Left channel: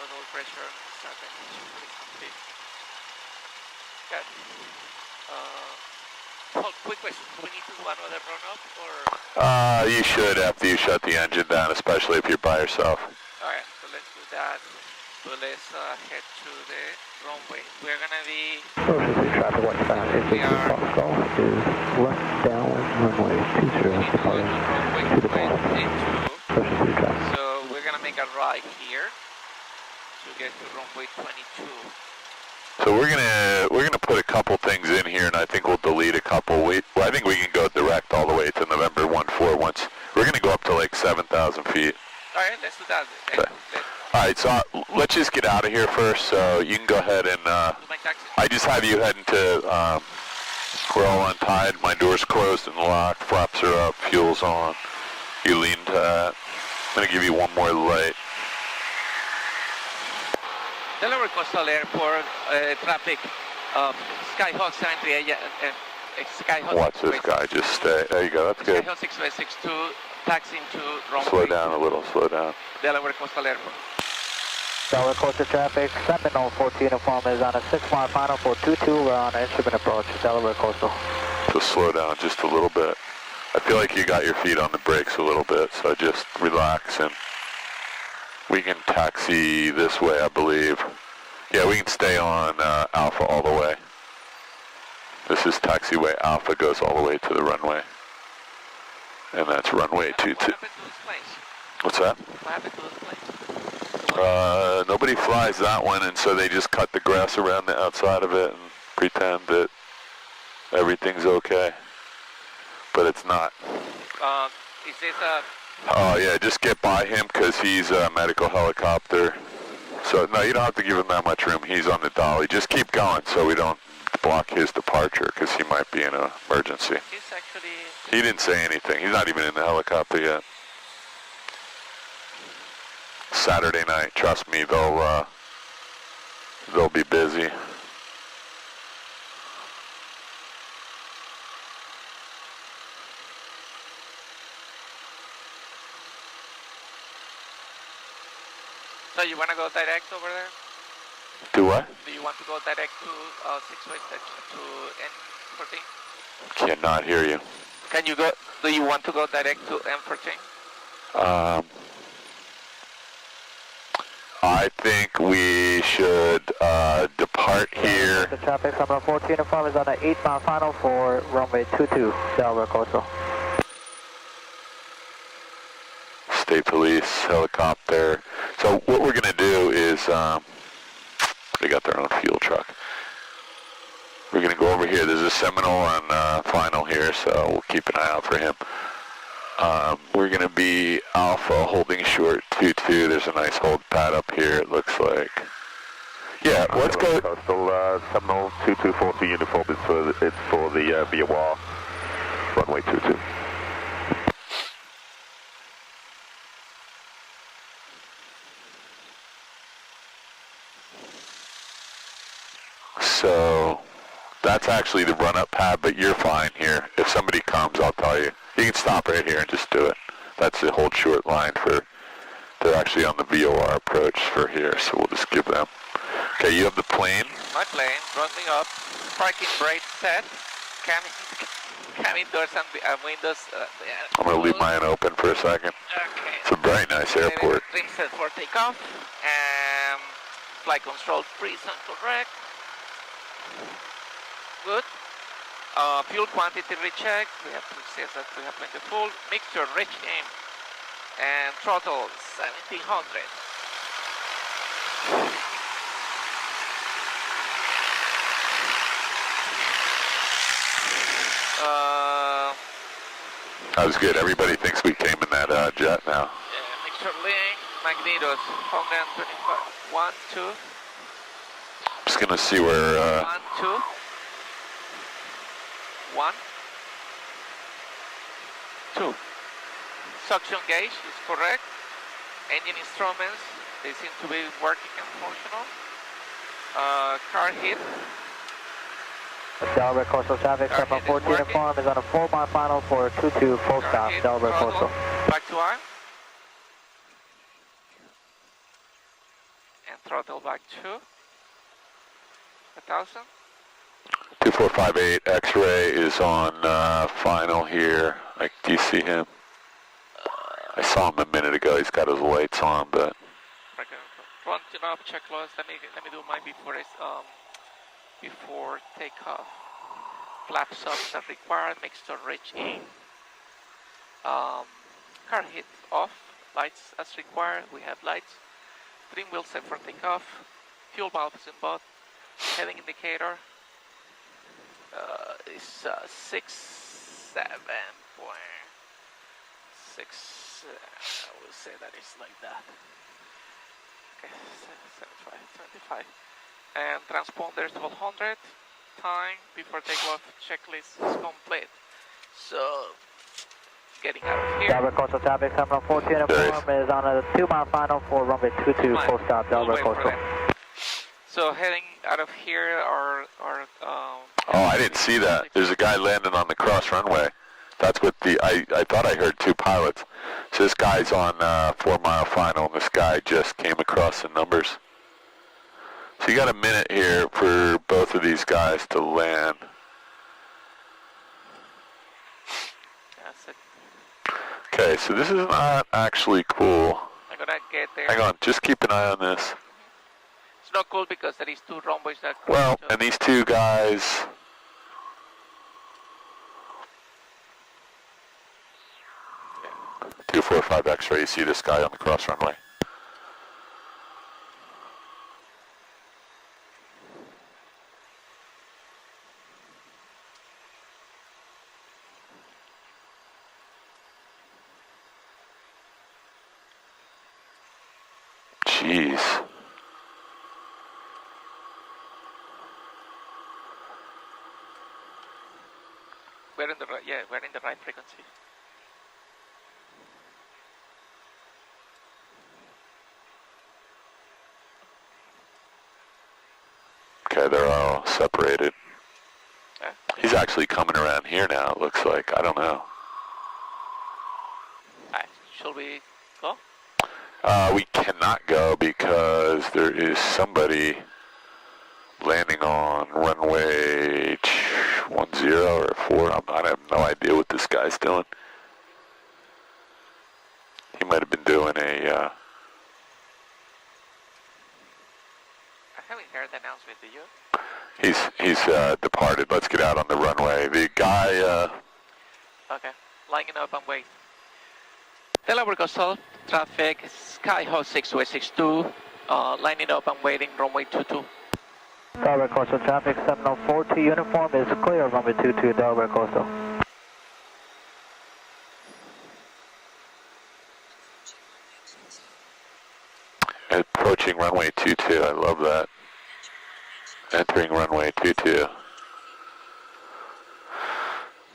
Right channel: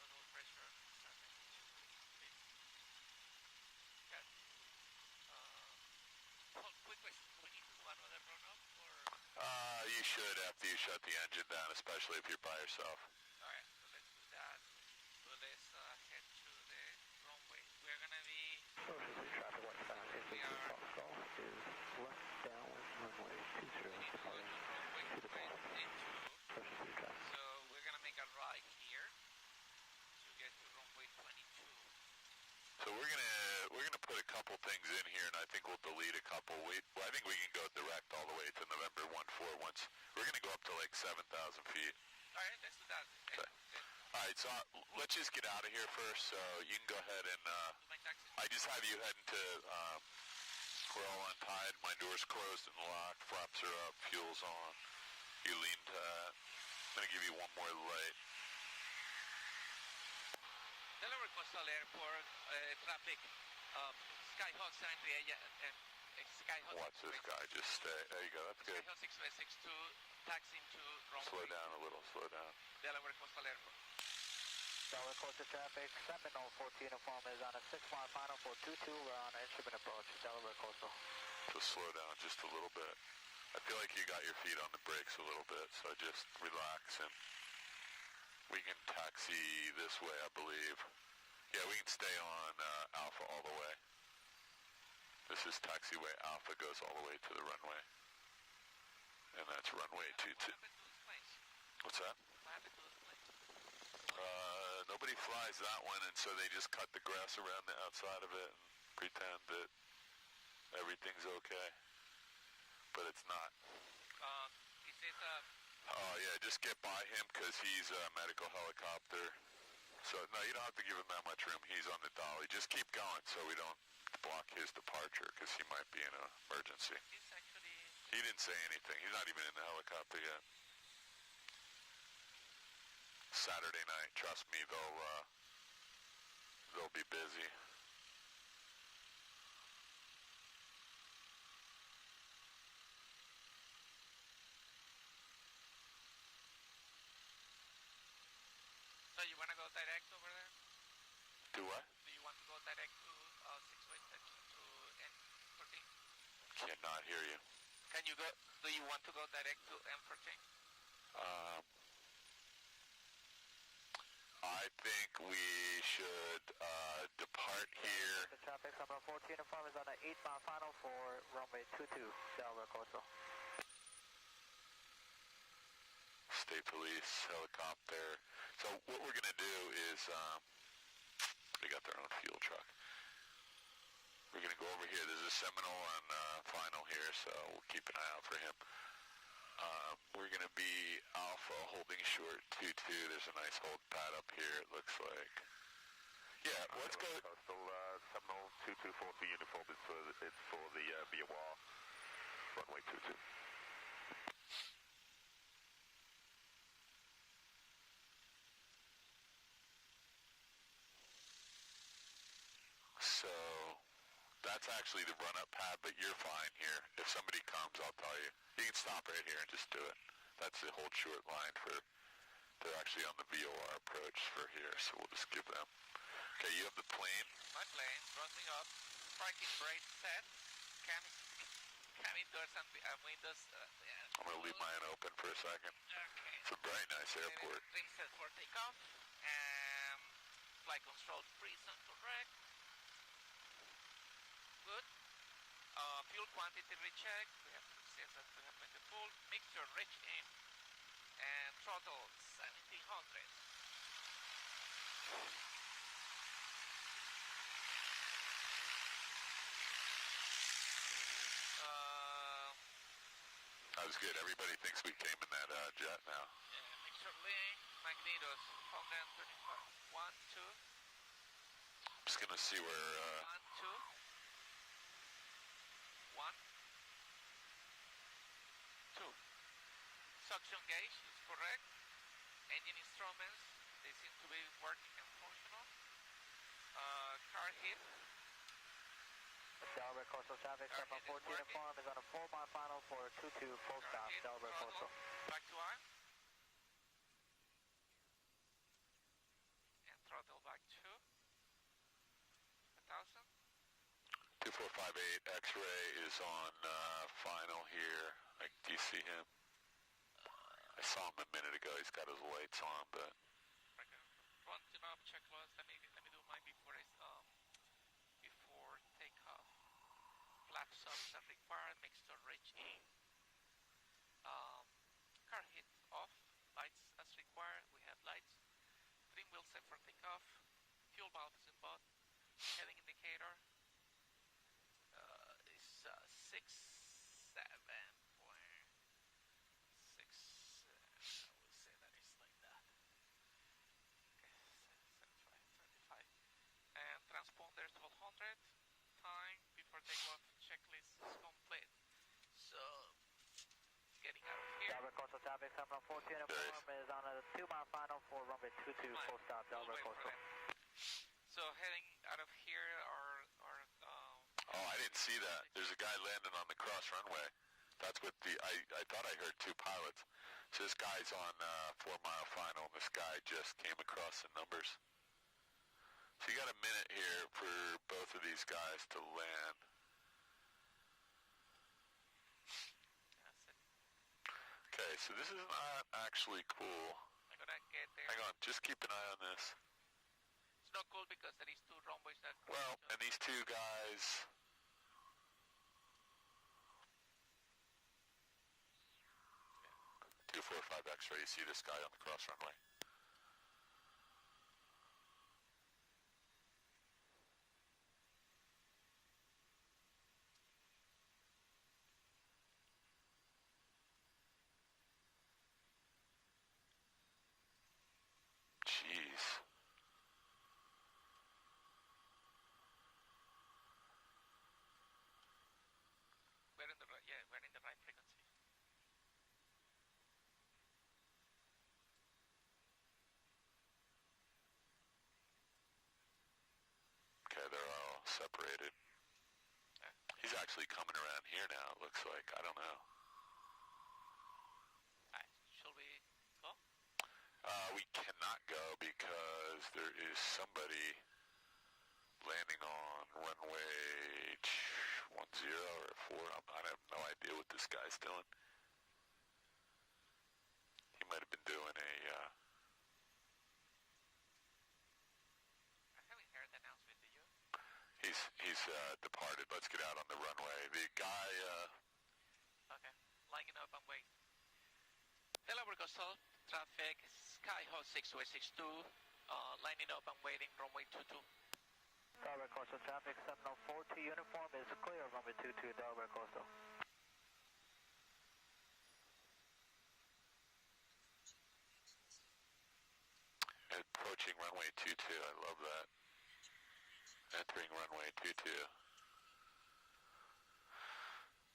throttle pressure, start engine, pretty complete. Good. Hold, quick question, do we need to do another run-up, or? You should after you shut the engine down, especially if you're by yourself. Alright, so let's do that. So let's head to the runway. We're gonna be... Traffic 1 we are... Golf is left downwind runway 20 departing to the golf. So we're gonna make a right here to get to runway 22. So we're gonna put a couple things in here, and I think we'll delete a couple. I think we can go direct all the way to November 14. Once we're gonna go up to like 7,000 feet. All right, let's do that. Okay. All right, so let's just get out of here first. So you can go ahead and I just have you heading to. We're all untied. My door's closed and locked. Flaps are up. Fuel's on. You lean to that. I'm gonna give you one more light. Delaware Coastal Airport traffic, Skyhawk 73, Skyhawk. Watch this guy, just stay. There you go, that's good. Skyhawk 6562, taxiing to runway. Slow down a little, slow down. Delaware Coastal Airport. Delaware Coastal traffic, Seminole 14 uniform is on a 6-mile final for 22, we're on an instrument approach, Delaware Coastal. So slow down just a little bit. I feel like you got your feet on the brakes a little bit, so just relax and we can taxi this way, I believe. Yeah, we can stay on Alpha all the way. This is taxiway Alpha, goes all the way to the runway. And that's runway 22. What happened to this place? What's that? What happened to this place? Nobody flies that one, and so they just cut the grass around the outside of it and pretend that everything's okay. But it's not. Is this a... Oh yeah, just get by him because he's a medical helicopter. So no, you don't have to give him that much room. He's on the dolly. Just keep going so we don't block his departure because he might be in an emergency. He's actually... He didn't say anything. He's not even in the helicopter yet. Saturday night, trust me, they'll be busy. So you want to go direct over there? Do what? Do you want to go direct to 6-way to N14? Cannot hear you. Can you go, do you want to go direct to N14? I think we should depart here. The traffic Seminole 14 uniform is on an 8-mile final for runway 22, Delaware Coastal. State Police, helicopter. So what we're going to do is, they got their own fuel truck. We're going to go over here. There's a Seminole on final here, so we'll keep an eye out for him. We're going to be Alpha holding short 22. There's a nice hold pad up here, it looks like. Yeah, let's go. Coastal Seminole 2240 uniform is for the VOR runway 22. So that's actually the run-up pad, but you're fine here. If somebody comes, I'll tell you. You can stop right here and just do it. That's the hold short line for, they're actually on the VOR approach for here, so we'll just give them. Okay, you have the plane. My plane, running up, parking brake set, cabin doors and windows. I'm going to leave mine open for a second. Okay. It's a very nice airport. Trim set for takeoff, and flight control freeze and correct. Good. Fuel quantity recheck. We have to say that we have plenty full. Mixture rich in. And throttle 1700. That was good. Everybody thinks we came in that jet now. Yeah, mixture link. Magnetos 125. 1, 2. Just going to see where... 1, 2. 1, 2. Suction gauge is correct. Engine instruments, they seem to be working and functional. Car hit. Delaware Coastal traffic, Seminole 14 uniform is on a 4-mile final for 22 full stop, Delaware Coastal. Back to arm. And throttle back to 1,000. 2458 X-ray is on final here. Do you see him? I saw him a minute ago. He's got his lights on, but Front up, check loss. Let me do mine before before takeoff. Flaps up as required. Make sure reach in. Car hit off. Lights as required. We have lights. Trim wheel set for takeoff. Fuel valve is in both. Heading indicator is 6.7.6. We'll say that is like that. Okay, 75. And transponder 1200. Time before takeoff checklist is complete. So, getting out of here. Delaware Coastal traffic, 714 uniform is on a 2-mile final for runway 22, full stop, Delaware Coastal. So heading out of here are oh, I didn't see that. There's a guy landing on the cross runway. That's what I thought I heard two pilots. So this guy's on 4-mile final, and this guy just came across the numbers. So you got a minute here for both of these guys to land. That's it. Okay, so this is not actually cool. I'm gonna get there. Hang on, just keep an eye on this. It's not cool because there is two runways that. Well, and these two guys. 245 X-ray, you see this guy on the cross runway. Jeez. We're in the right, yeah, we're in the right frequency. Okay, they're all separated. Yeah. He's actually coming around here now, it looks like. I don't know. Alright, shall we go? We cannot go because there is somebody landing on runway 10 or 4. I have no idea what this guy's doing. He might have been doing a... I haven't heard the announcement, do you? He's departed. Let's get out on the runway. The guy... Okay, lining up and wait. Delaware Coastal traffic, Skyhawk 6262, lining up and waiting, runway 22. Delaware Coastal traffic, 704 uniform is clear, runway 22, Delaware Coastal. Approaching runway 22, I love that. Entering runway 22.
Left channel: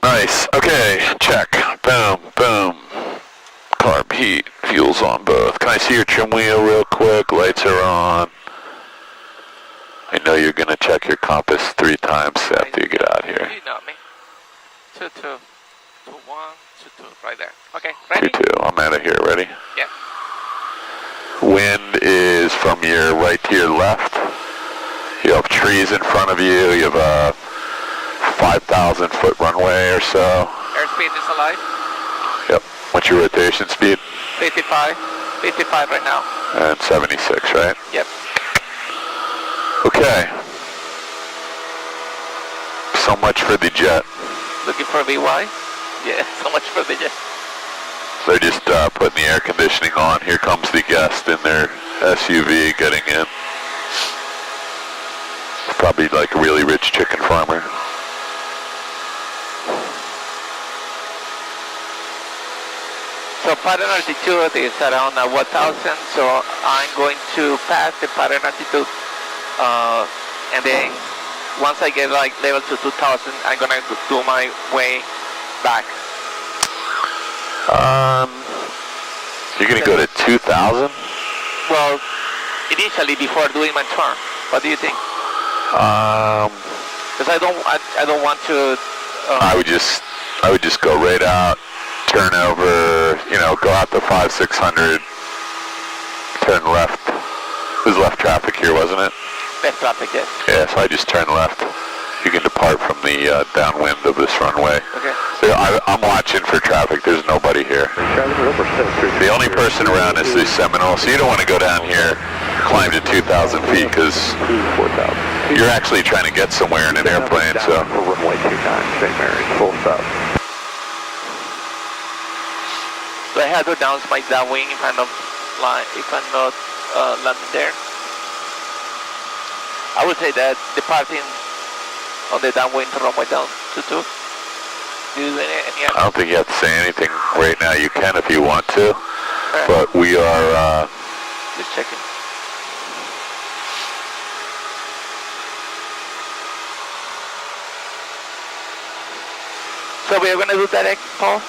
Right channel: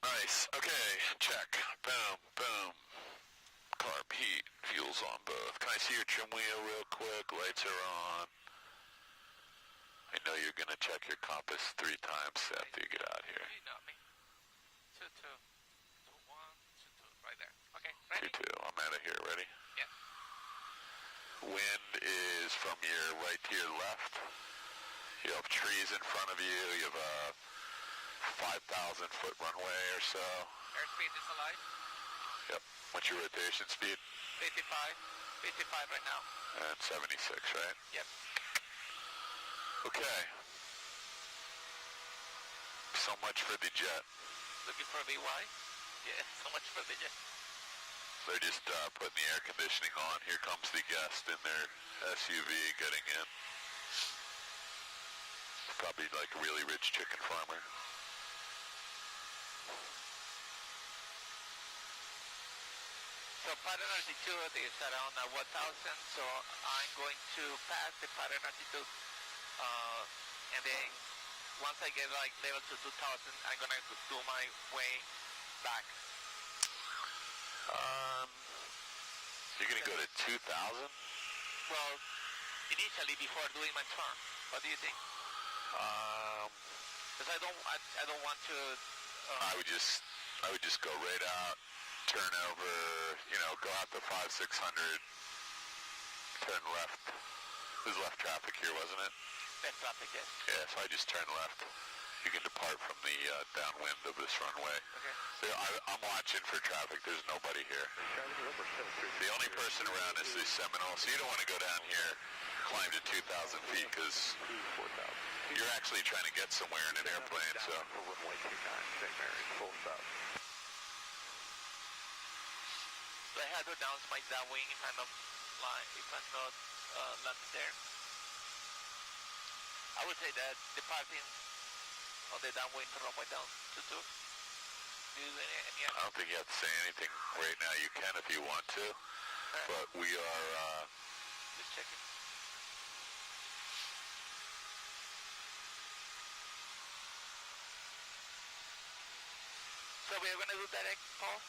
Nice, okay, check, boom, boom. Carb heat, fuel's on both. Can I see your trim wheel real quick? Lights are on. I know you're gonna check your compass 3 times after you get out here. You know me. 22, 21, 22, right there. Okay, ready? 22, I'm out of here, ready? Yeah. Wind is from your right to your left. You have trees in front of you. You have a 5,000 foot runway or so. Airspeed is alive. Yep. What's your rotation speed? 55. 55 right now. And 76, right? Yep. Okay. So much for the jet. Looking for VY? Yeah, so much for the jet. They're just putting the air conditioning on. Here comes the guest in their SUV getting in. It's probably like a really rich chicken farmer. So pattern altitude is around 1,000, so I'm going to pass the pattern altitude, and then once I get like level to 2,000, I'm gonna do my way back. You're gonna go to 2,000? Well, initially before doing my turn. What do you think? Because I don't want to. I would just go right out, turn over, you know, go out to 500-600, turn left, was left traffic here, wasn't it? Left traffic, yes. Yeah, so I just turned left. You can depart from the downwind of this runway. Okay. I'm watching for traffic. There's nobody here. The only person around is the Seminole, so you don't want to go down here, climb to 2,000 feet, because you're actually trying to get somewhere in an airplane, so. Runway 29, St. Mary's, full stop. So I have to down my downwind if I'm not landing there. I would say that departing on the downwind runway down to 2. Do you do any I don't think you have to say anything right now. You can if you want to, but we are just checking. So we are going to do direct, Paul?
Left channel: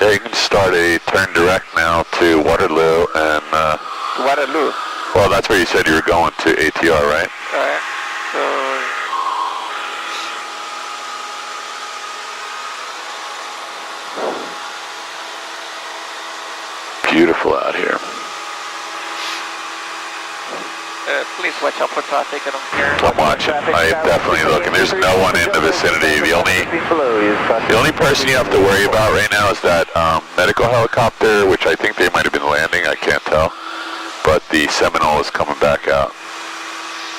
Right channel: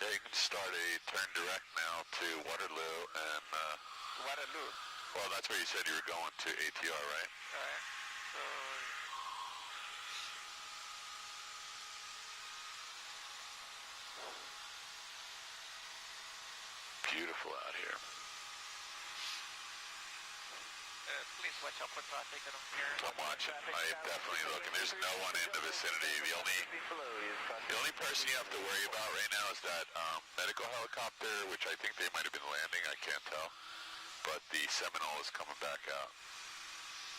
Yeah, you can start a turn direct now to Waterloo and To Waterloo? well, that's where you said you were going to ATR, right? Alright. So Beautiful out here. please watch out for traffic. I don't care. I'm watching. I am definitely looking. There's no one in the vicinity. The only person you have to worry about right now is that medical helicopter, which I think they might have been landing. I can't tell. But the Seminole is coming back out.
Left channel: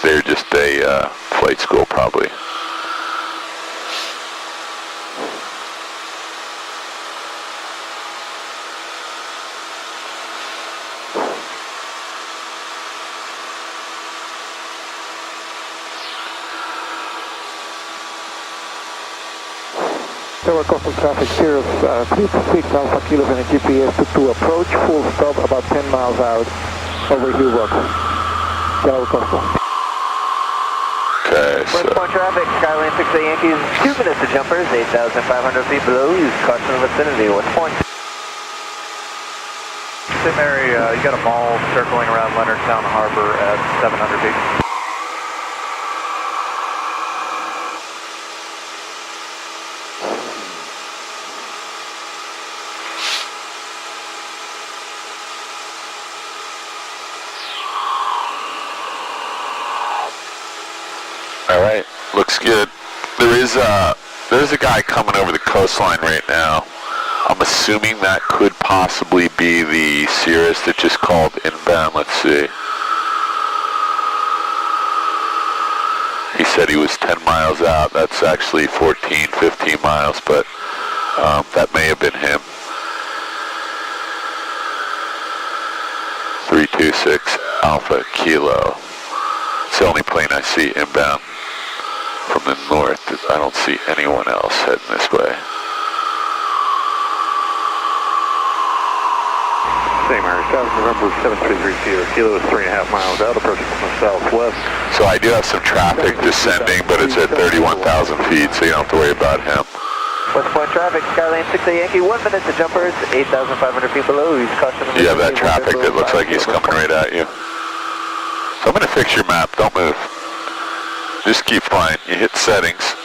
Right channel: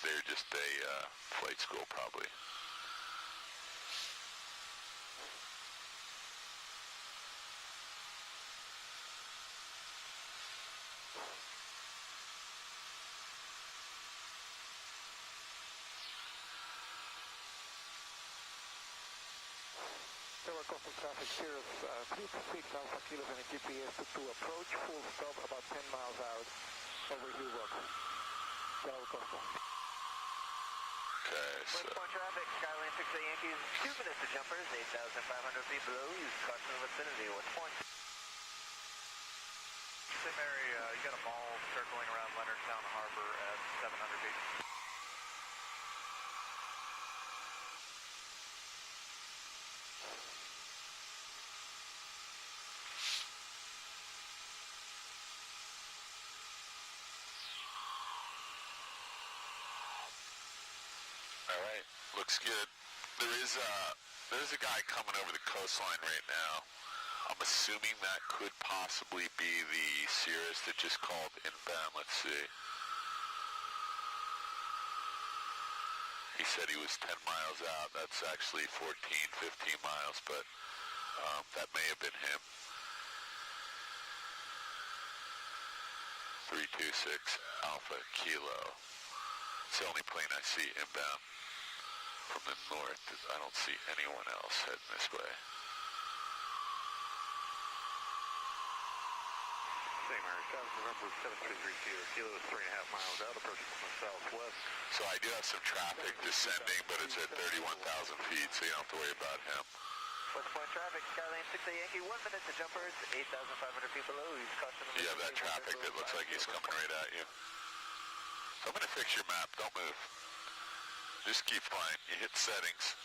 They're just a flight school, probably. Tower coastal traffic, Sirius 36 Alpha Kilo and GPS to approach, full stop about 10 miles out over Hillrock. Tower coastal. Okay, so... West point traffic, Skyline 6A Yankees, 2 minutes to jumpers, 8,500 feet below, use caution in the vicinity, West point. St. Mary, you got a mall circling around Leonardtown Harbor at 700 feet. All right, looks good. There's a guy coming over the coastline right now. I'm assuming that could possibly be the Cirrus that just called inbound. Let's see. He said he was 10 miles out. That's actually 14, 15 miles, but that may have been him. 326 Alpha Kilo. It's the only plane I see inbound from the north. I don't see anyone else heading this way. St. Mary's, November 733 Theater, Kilo is 3.5 miles out, approaching from the southwest. So I do have some traffic descending, but it's at 31,000 feet, so you don't have to worry about him. West point traffic, Skyline 6A Yankee, 1 minute to jumpers, 8,500 feet below, use caution. You have that traffic that looks like he's coming right at you. So I'm going to fix your map. Don't move. Just keep flying. You hit settings.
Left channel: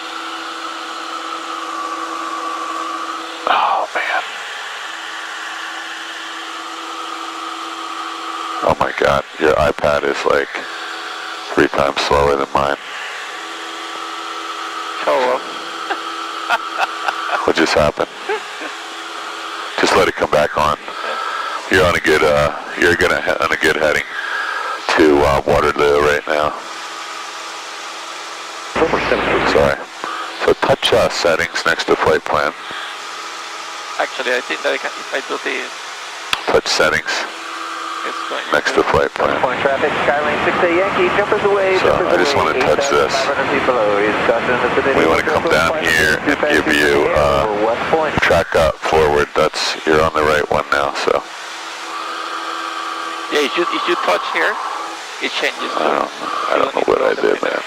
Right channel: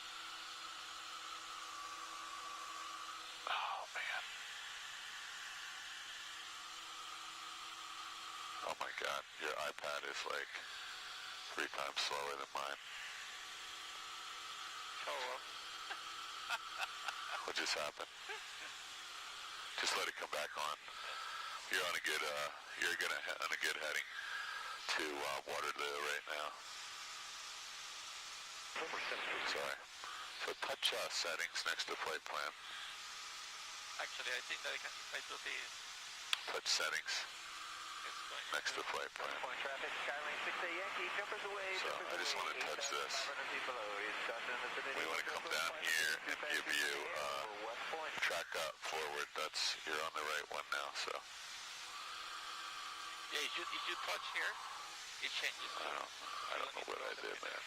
Oh, man. Oh, my God. Your iPad is like 3 times slower than mine. Show up. What just happened? Just let it come back on. You're on a good, on a good heading to Waterloo right now. Sorry. So touch settings next to flight plan. Actually, I think that I can, if I do the... Touch settings It's going next to flight plan. West point traffic, Skyline 6A Yankee, jumpers away, So I just want to touch this. 8,500 feet below, use caution in the vicinity. We want to come down here and give you West point. track up forward. You're on the right one now, so. Yeah, if you touch here, it changes. I don't know what I did, man.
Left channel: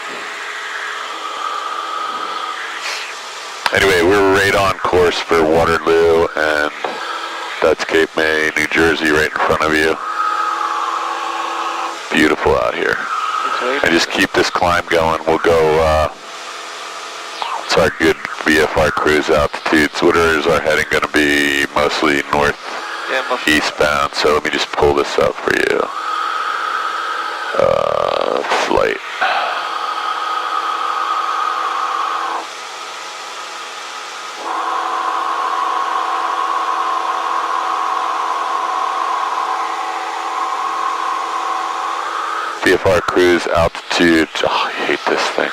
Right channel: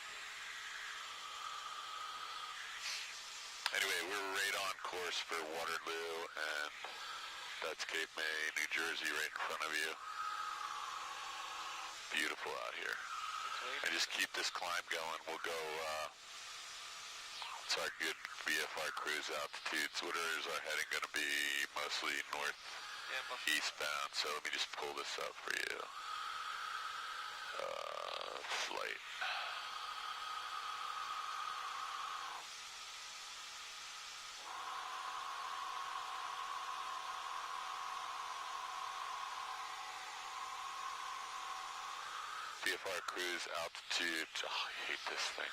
Anyway, we're right on course for Waterloo, and that's Cape May, New Jersey, right in front of you. Beautiful out here. And just keep this climb going. We'll go, it's our good VFR cruise altitudes. What is our heading going to be? Mostly north, eastbound. So let me just pull this up for you. Flight. VFR cruise altitude. Oh, I hate this thing.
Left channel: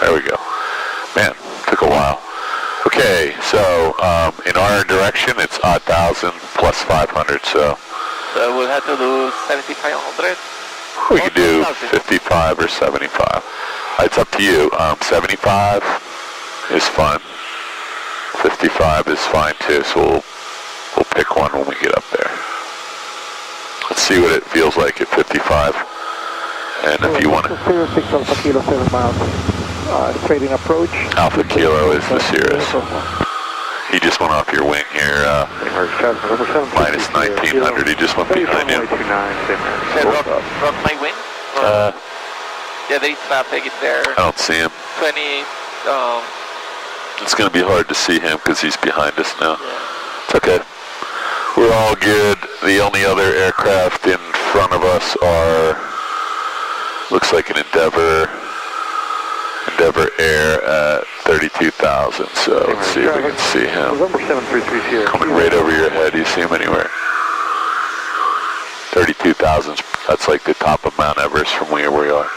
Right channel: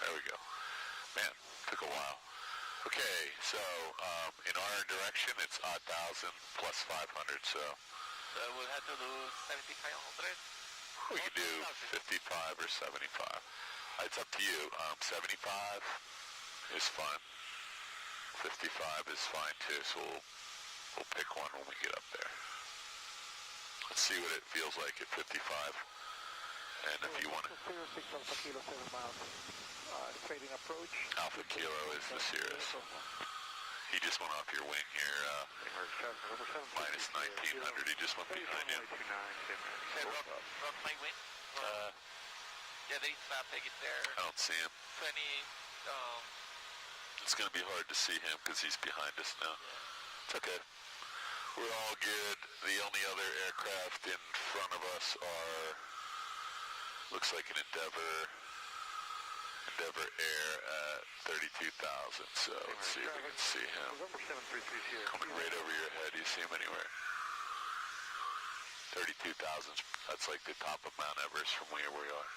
There we go. Man, took a while. Okay, so in our direction, it's 1,000 plus 500, so we'll have to do 7,500. we could do 55 or 75. It's up to you. 75 is fun. 55 is fine too, so we'll pick one when we get up there. Let's see what it feels like at 55. And if you want to... Cirrus Alpha Kilo 7 miles. Straight in approach. Alpha Kilo is the Cirrus. He just went off your wing here, minus 1900. He just went behind you. Broke my wing? Yeah, there is traffic in there. I don't see him. 20, It's going to be hard to see him because he's behind us now. yeah. It's okay. We're all good. The only other aircraft in front of us are, looks like an Endeavor Air at 32,000. So let's see if we can see him. November 733 Coming right over your head. Do you see him anywhere? 32,000. That's like the top of Mount Everest from where we are.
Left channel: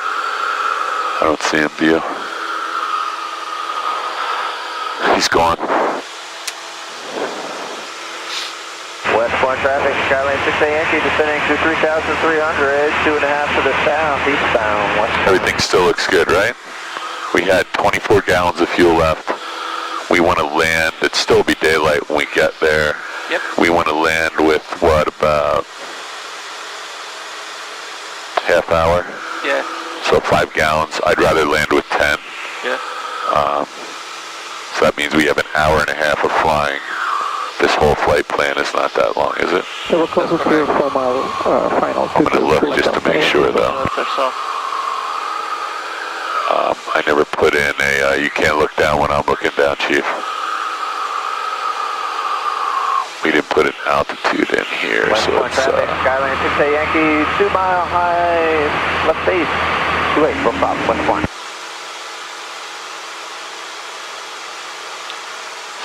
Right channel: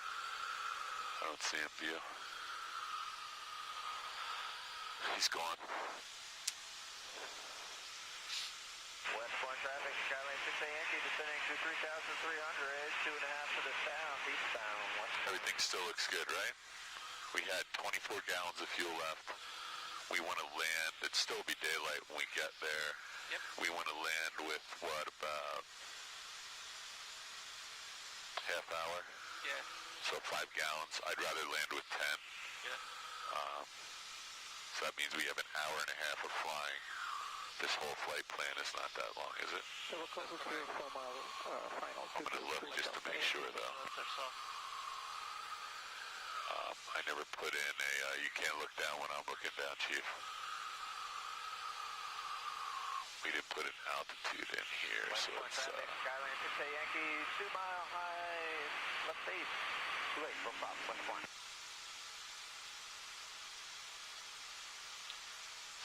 I don't see him, do you? He's gone. Westbound traffic, Skyline 6A Yankee descending to 3,300, 2.5 to the south, eastbound, westbound. Everything still looks good, right? We had 24 gallons of fuel left. We want to land. It'd still be daylight when we get there. Yep. We want to land with, what, about half hour? Yeah. So 5 gallons. I'd rather land with 10. Yeah. So that means we have an hour and a half of flying. This whole flight plan is not that long, is it? So we're close to 4 mile final. I'm going to look just to make sure, though. I never put in a, you can't look down when I'm looking down, Chief. We didn't put an altitude in here, so Westbound it's, traffic, Skyline 6A Yankee, 2 mile high, left base, 28, full stop, westbound.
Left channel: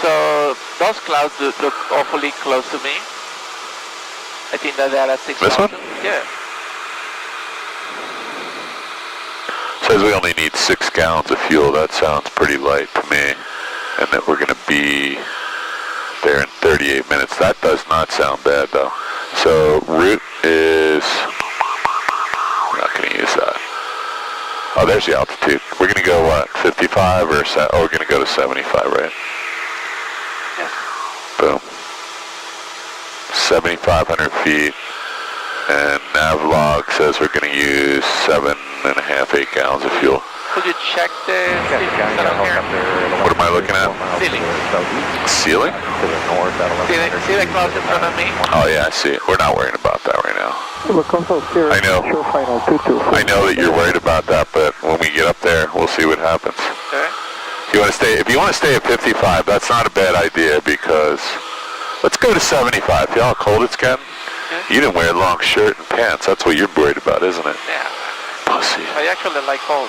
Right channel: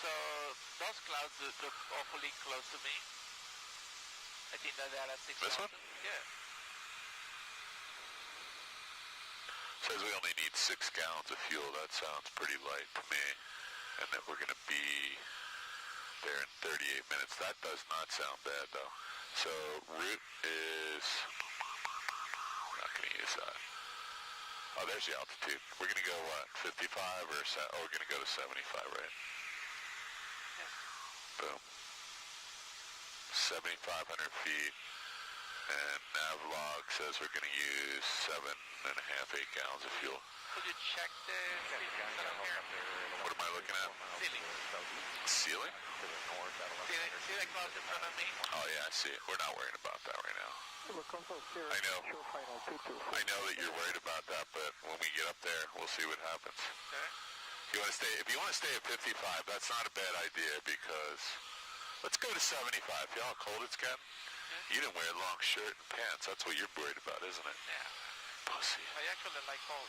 So those clouds look awfully close to me. I think that they're at 6,000. This one? Yeah. says we only need 6 gallons of fuel. That sounds pretty light to me. And that we're going to be there in 38 minutes. That does not sound bad, though. So route is, we're not going to use that. Oh, there's the altitude. We're going to go, what, 55 or, we're going to go to 75, right? Yeah. Boom. 7,500 feet. And Navlog says we're going to use 7.5, 8 gallons of fuel. Could you check the ceiling around here? What am I looking at? Ceiling. Ceiling? See the clouds in front of me? Oh yeah, I see it. We're not worrying about that right now. I know. I know that you're worried about that, but when we get up there, we'll see what happens. Okay. If you want to stay at 55, that's not a bad idea because let's go to 75. See how cold it's getting? Okay. You didn't wear a long shirt and pants. That's what you're worried about, isn't it? Yeah. Pussy. I actually like cold.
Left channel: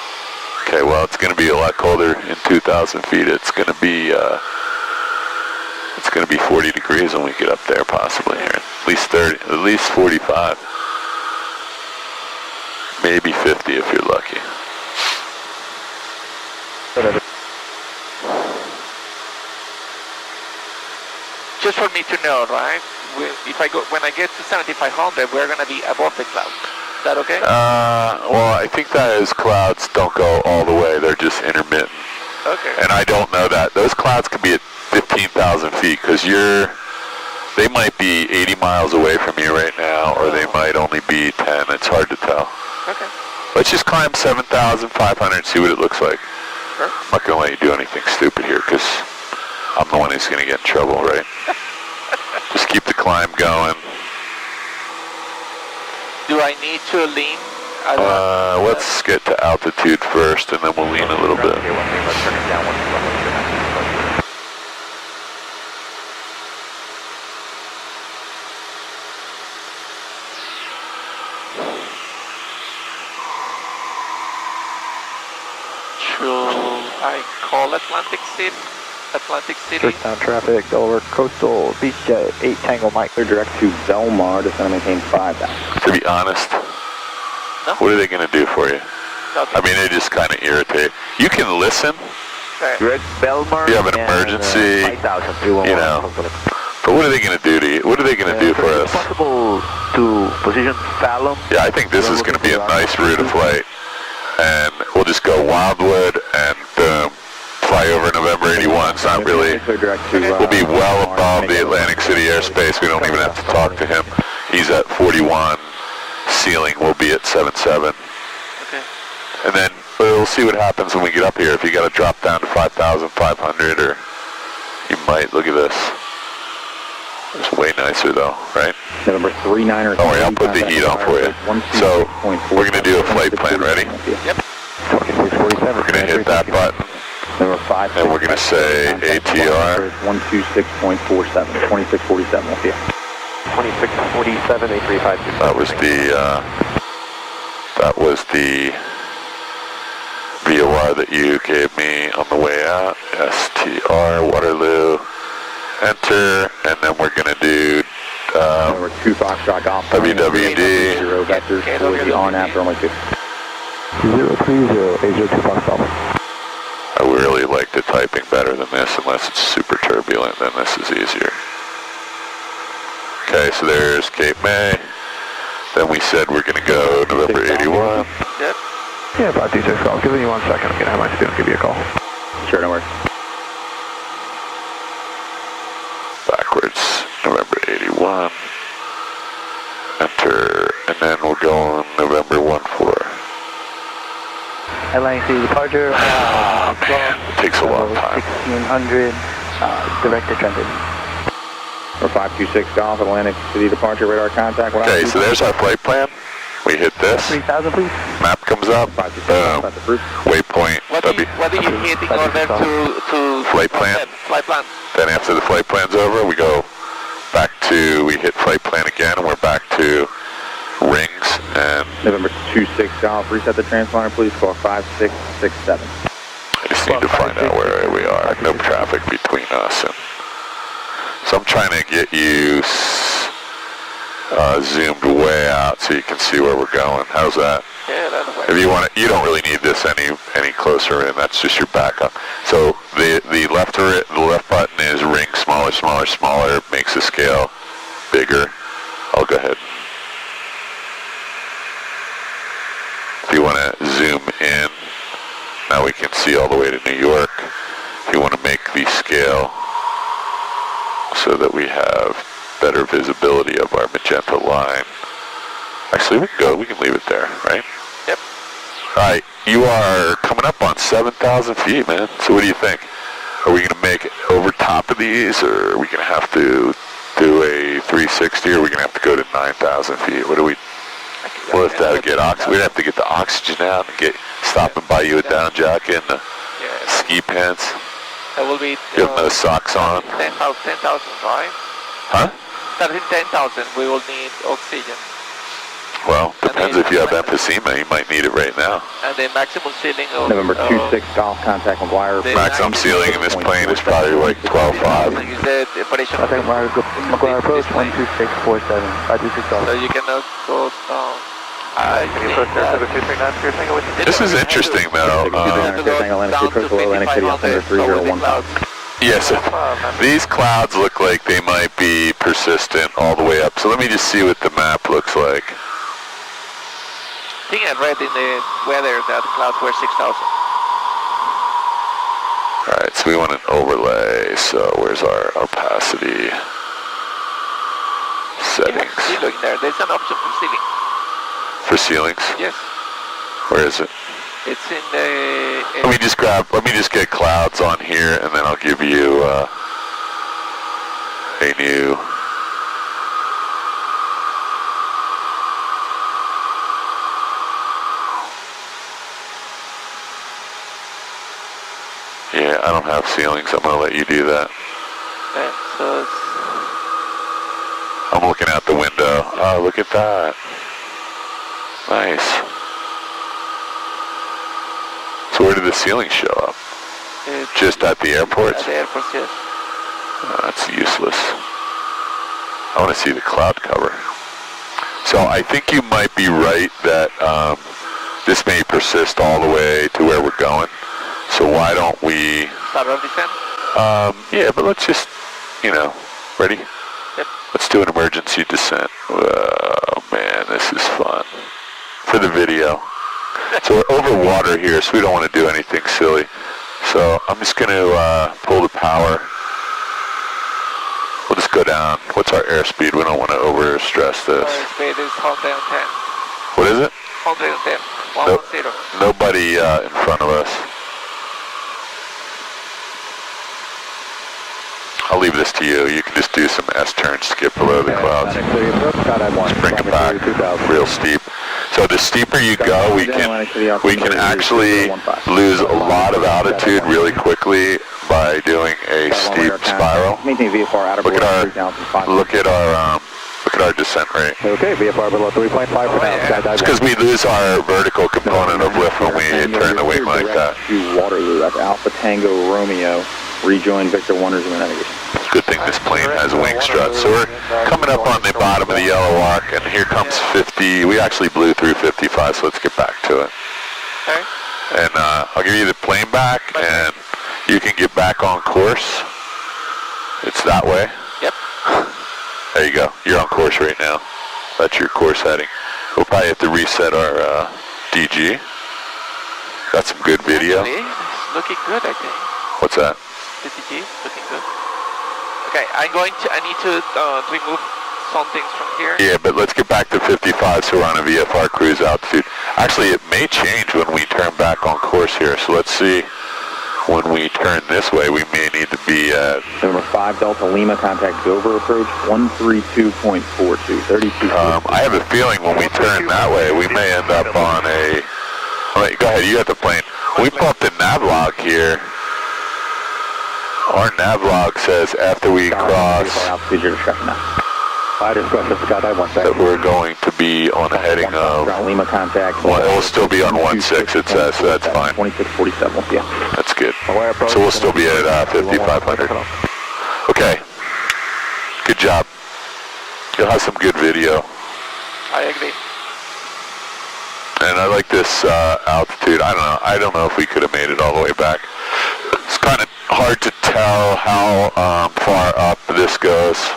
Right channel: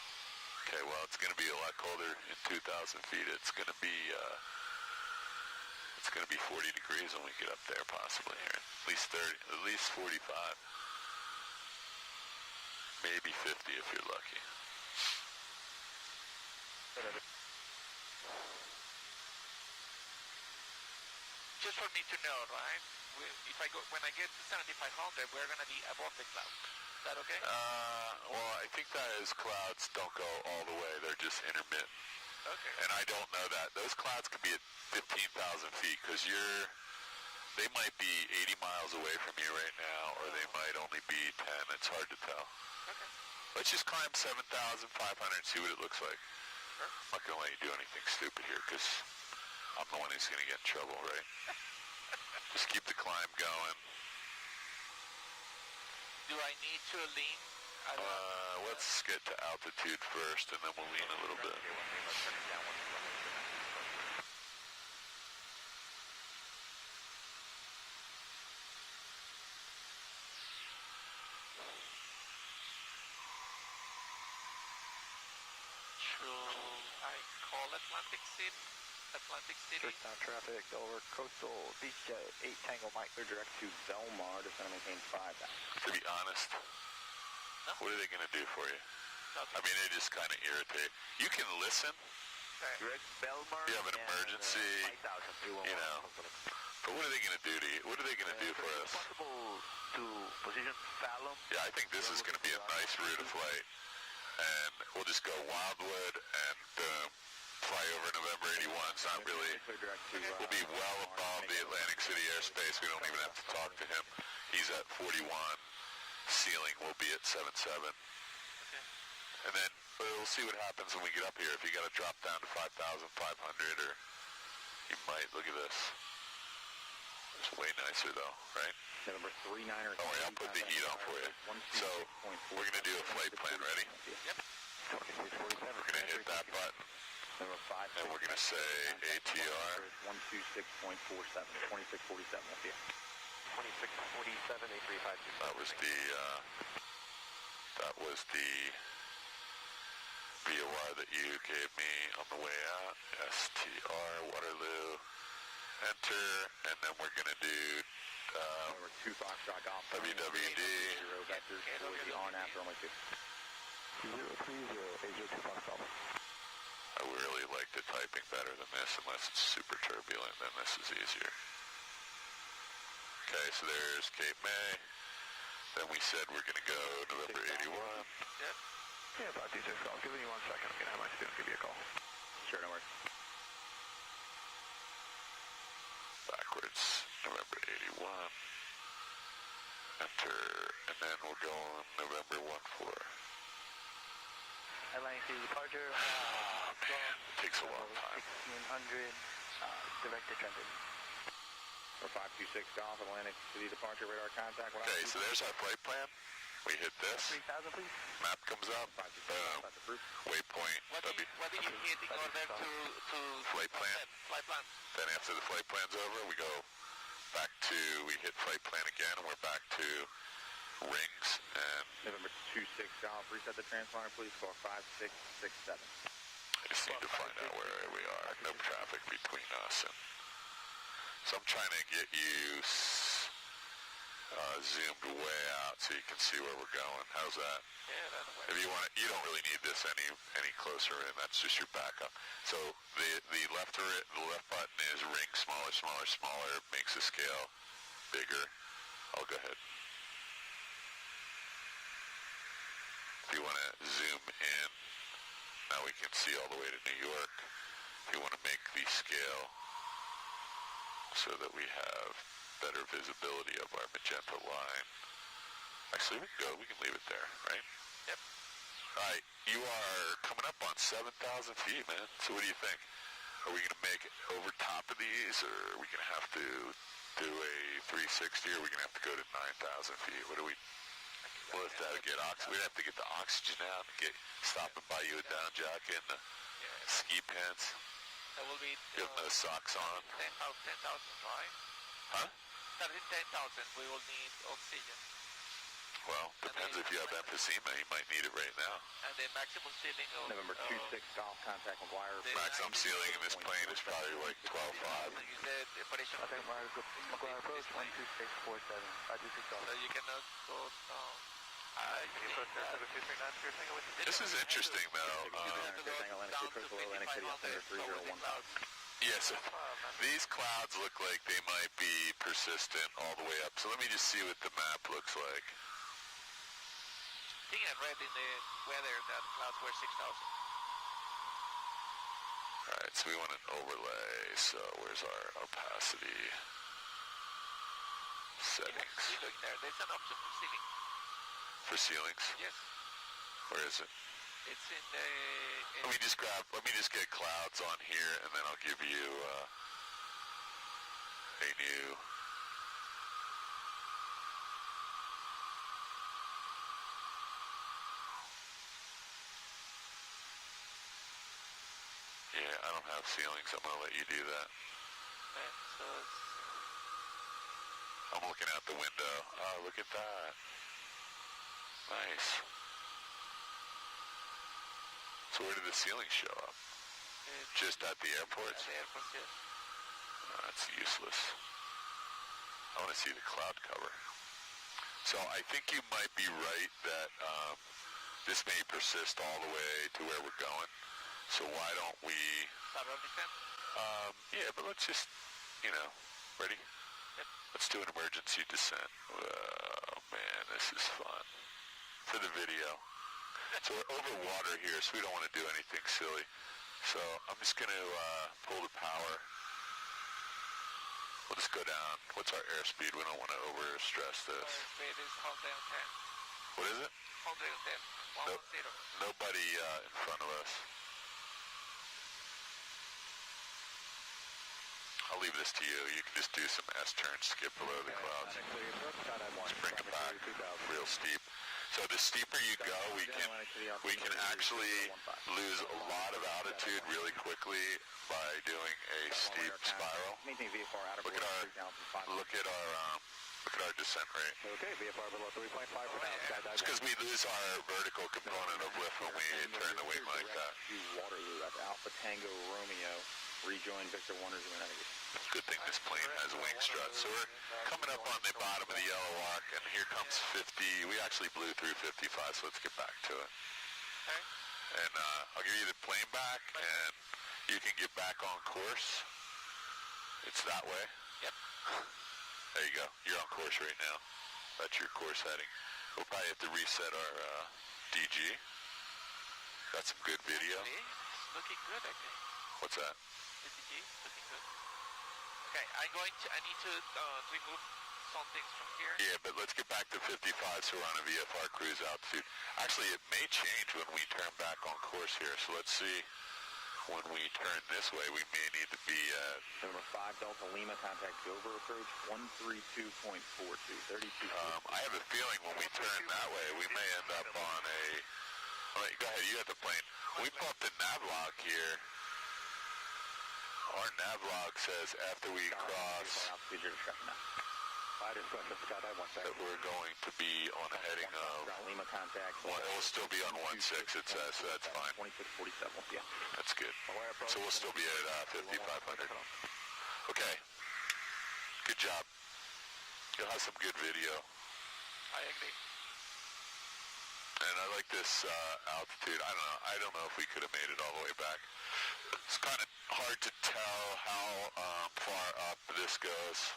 Okay, well, it's going to be a lot colder in 2,000 feet. It's going to be 40 degrees when we get up there, possibly here. At least 30, at least 45. Maybe 50 if you're lucky. Just for me to know, right? When I get to 7,500, we're gonna be above the clouds. Is that okay? Well, I think that is clouds don't go all the way. They're just intermittent. Okay. And I don't know that. Those clouds could be at 15,000 feet because they might be 80 miles away from you right now, or they might only be 10. It's hard to tell. Okay. Let's just climb 7,500 and see what it looks like. Sure. I'm not going to let you do anything stupid here because I'm the one who's going to get in trouble, right? Just keep the climb going. Do I need to lean Let's get to altitude first, and then we'll lean a little bit. Let's turn it down 121. Should I call Atlantic City? Touchdown traffic over Coastal Beach Jet 8 Tango Mike. Clear direct to Belmar, descend and maintain 5,000. To be honest, No? what are they going to do for you? Okay. I mean, they just kind of irritate. You can listen. Okay. Direct Belmar. You have an emergency, 5,000. you know. But what are they going to do to you? What are they going to do for us? Possible to position Fallon. Yeah, I think this is going to be a nice route of flight. And we'll just go Wildwood and boom, fly over November 81. It's not really, we'll be well above the Atlantic City airspace. We don't even have to talk to him. He's at 41. Ceiling will be at 77. Okay. And then we'll see what happens when we get up here. If you got to drop down to 5,500, or you might, look at this. It's way nicer though, right? November 39er. Don't worry, I'll put the heat on for you. So we're going to do a flight plan. Ready? Yep. 2647. We're going to hit that button. Number 5. And we're going to say ATR. 126.47. 2647. We'll see you. 2647, 835. That was the VOR that you gave me on the way out. STR, Waterloo, enter, and then we're going to do Number 2 Foxtrot Golf. WWD. 0 vectors for the on-after only 2. 030, 802 Fox Golf. I really like the typing better than this, unless it's super turbulent, then this is easier. Okay, so there's Cape May. Then we said we're going to go November 81. Yep. Yeah, about 26 calls. Give me 1 second. I'm going to have my student give you a call. Sure, no worries. Backwards, November 81. Enter, and then we'll go on November 14. Atlantic City departure. Man, it takes a long time. 1600, direct to transit. Or 526 Golf, Atlantic City departure, radar contact. Okay, so there's our flight plan. We hit this. 3000, please. Map comes up. Boom. Waypoint. What do you hit in order to Flight plan. Flight plan. Then after the flight plan's over, we go back to, we hit flight plan again, and we're back to rings, and November 26 Golf, reset the transponder, please. Call 5667. I just need to find out where we are. No traffic between us. And so I'm trying to get you zoomed way out so you can see where we're going. How's that? Yeah, that's way. If you want to, you don't really need this any closer in. That's just your backup. So the left button is ring smaller, smaller, smaller. It makes the scale bigger. I'll go ahead. If you want to zoom in, now we can see all the way to New York. If you want to make the scale so that we have better visibility of our magenta line. Actually, we can leave it there, right? Yep. All right, you are coming up on 7,000 feet, man. So what do you think? Are we going to make it over top of these, or are we going to have to do a 360, or are we going to have to go to 9,000 feet? What do we... We'll have to get oxygen. We'd have to get the oxygen out and stop and buy you a down jacket and ski pants. That will be... You have no socks on. 10,000, right? Huh? 10,000, we will need oxygen. Well, depends if you have emphysema. You might need it right now. And the maximum ceiling of... November 26 Golf, contact McGuire. Maximum ceiling in this plane is probably like 12.5. You said the operation... I think McGuire approach 12647, 526 Golf. So you cannot go down. This is interesting, though. Yes, these clouds look like they might be persistent all the way up. So let me just see what the map looks like. I think I read in the weather that the clouds were 6,000. All right, so we want an overlay. So where's our opacity settings? Yeah, ceiling there. There's an option for ceiling. For ceilings? Yes. Where is it? It's in the... Let me just get clouds on here, and then I'll give you a new... Yeah, I don't have ceilings. I'm going to let you do that. Okay, so it's I'm looking out the window. Oh, look at that. Nice. So where did the ceiling show up? Just at the airport? At the airport, yes. Oh, that's useless. I want to see the cloud cover. So I think you might be right that this may persist all the way to where we're going. So why don't we... Start our descent? Yeah, but let's just, ready? Yep. Let's do an emergency descent. Oh man, this is fun. For the video. So we're over water here, so we don't want to do anything silly. So I'm just going to pull the power. We'll just go down. What's our airspeed? We don't want to overstress this. Airspeed is 110. What is it? 110. 110. Nobody in front of us. I'll leave this to you. You can just do some S-turns to get below the clouds. Just bring it back real steep. So the steeper you go, we can actually lose a lot of altitude really quickly by doing a steep spiral. Look at our descent rate. Okay, VFR below 3.5 for now. It's because we lose our vertical component of lift when we turn the wing like that. To Waterloo, that's Alpha Tango Romeo. Rejoin Victor Wonders of navigation. Good thing this plane has wing struts. So we're coming up on the bottom of the yellow arc, and here comes 50. We actually blew through 55, so let's get back to it. Okay. And I'll give you the plane back, and you can get back on course. It's that way. Yep. There you go. You're on course right now. That's your course heading. We'll probably have to reset our DG. Got some good video. Actually, it's looking good, I think. What's that? The DG is looking good. Okay, I need to remove some things from here. Yeah, but let's get back to 55 so we're on a VFR cruise altitude. Actually, it may change when we turn back on course here. So let's see. When we turn this way, we may need to be at... Number 5 Delta Lima, contact Dover approach 132.42, 32. I have a feeling when we turn that way, we may end up on a... All right, go ahead, you got the plane. We pull up the navlog here. Our navlog says after we cross that we're going to be on a heading of... Lima contact. Well, it will still be on 16, it says, so that's fine. 2647, yeah. That's good. So we'll still be at 5,500. Okay. Good job. You'll have some good video. I agree. And I like this altitude. I don't know if we could have made it all the way back. It's kind of hard to tell how far up this goes.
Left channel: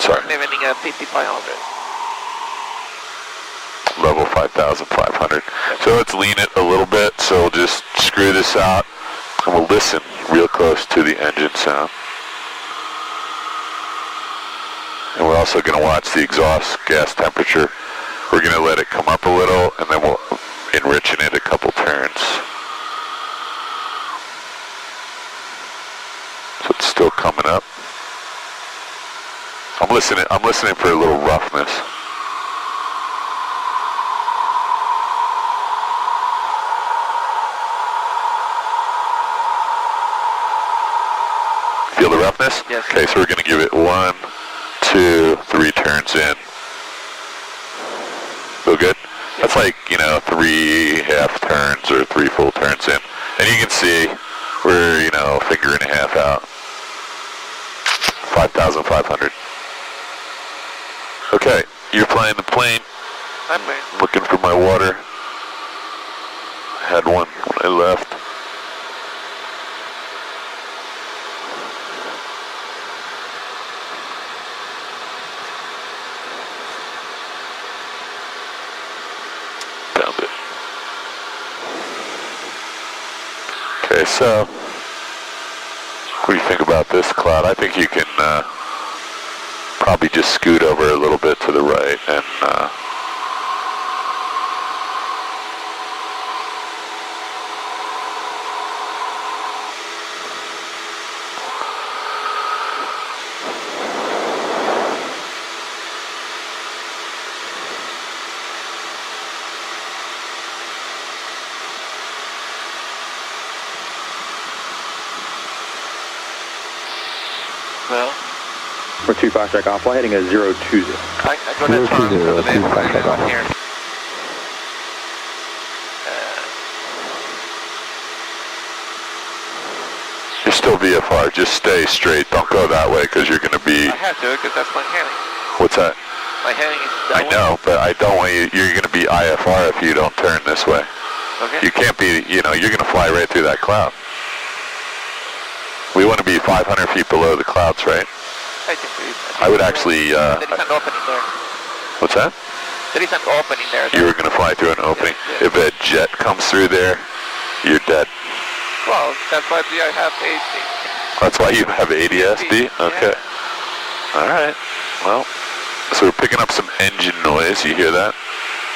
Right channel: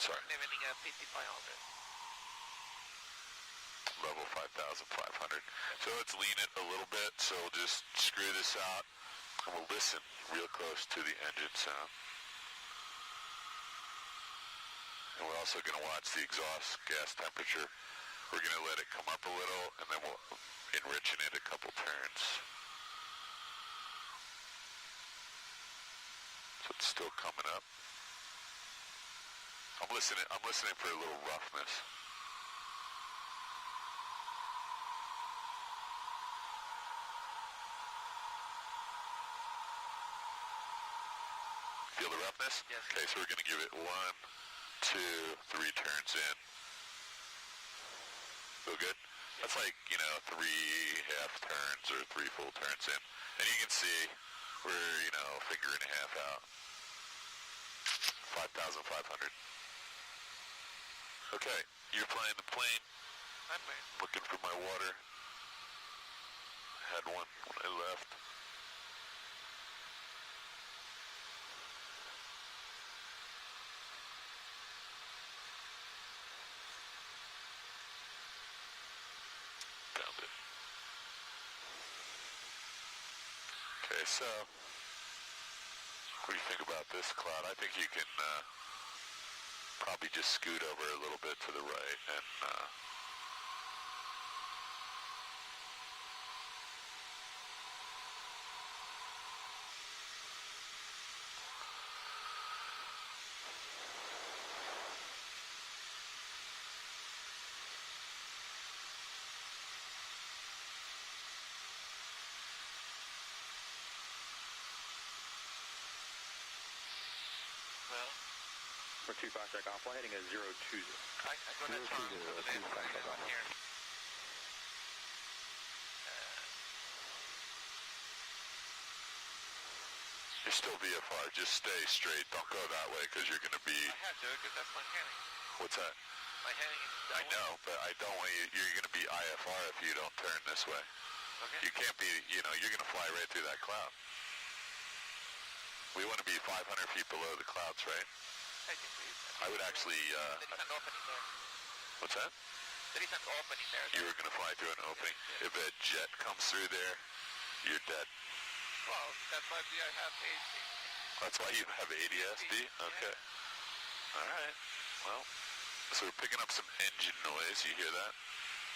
Sorry. Leveling at 5,500. Level 5,500. So let's lean it a little bit. So we'll just screw this out and we'll listen real close to the engine sound. And we're also going to watch the exhaust gas temperature. We're going to let it come up a little and then we'll enrich in it a couple turns. So it's still coming up. I'm listening for a little roughness. Feel the roughness? Yes. Okay, so we're going to give it 1, 2, 3 turns in. Feel good? That's like, 3 half turns or 3 full turns in. And you can see we're, a finger and a half out. 5,500. Okay, you're flying the plane. I'm ready. Looking for my water. Had one when I left. Found it. Okay, so what do you think about this cloud? I think you can probably just scoot over a little bit to the right and We're 25 strike off, flight heading is 020. I'm gonna turn to the left right here. You're still VFR, just stay straight. Don't go that way because you're going to be... I have to because that's my heading. What's that? My heading is I that way. know, but I don't want you... You're going to be IFR if you don't turn this way. Okay. You can't be, you know, you're going to fly right through that cloud. We want to be 500 feet below the clouds, right? I can see it. I would actually... there is an opening there. What's that? There is an opening there. You were going to fly through an opening. Yeah. If a jet comes through there, you're dead. Well, that's why I have ASD. That's why you have ADSB? Okay. Yeah. All right. Well, so we're picking up some engine noise. You hear that?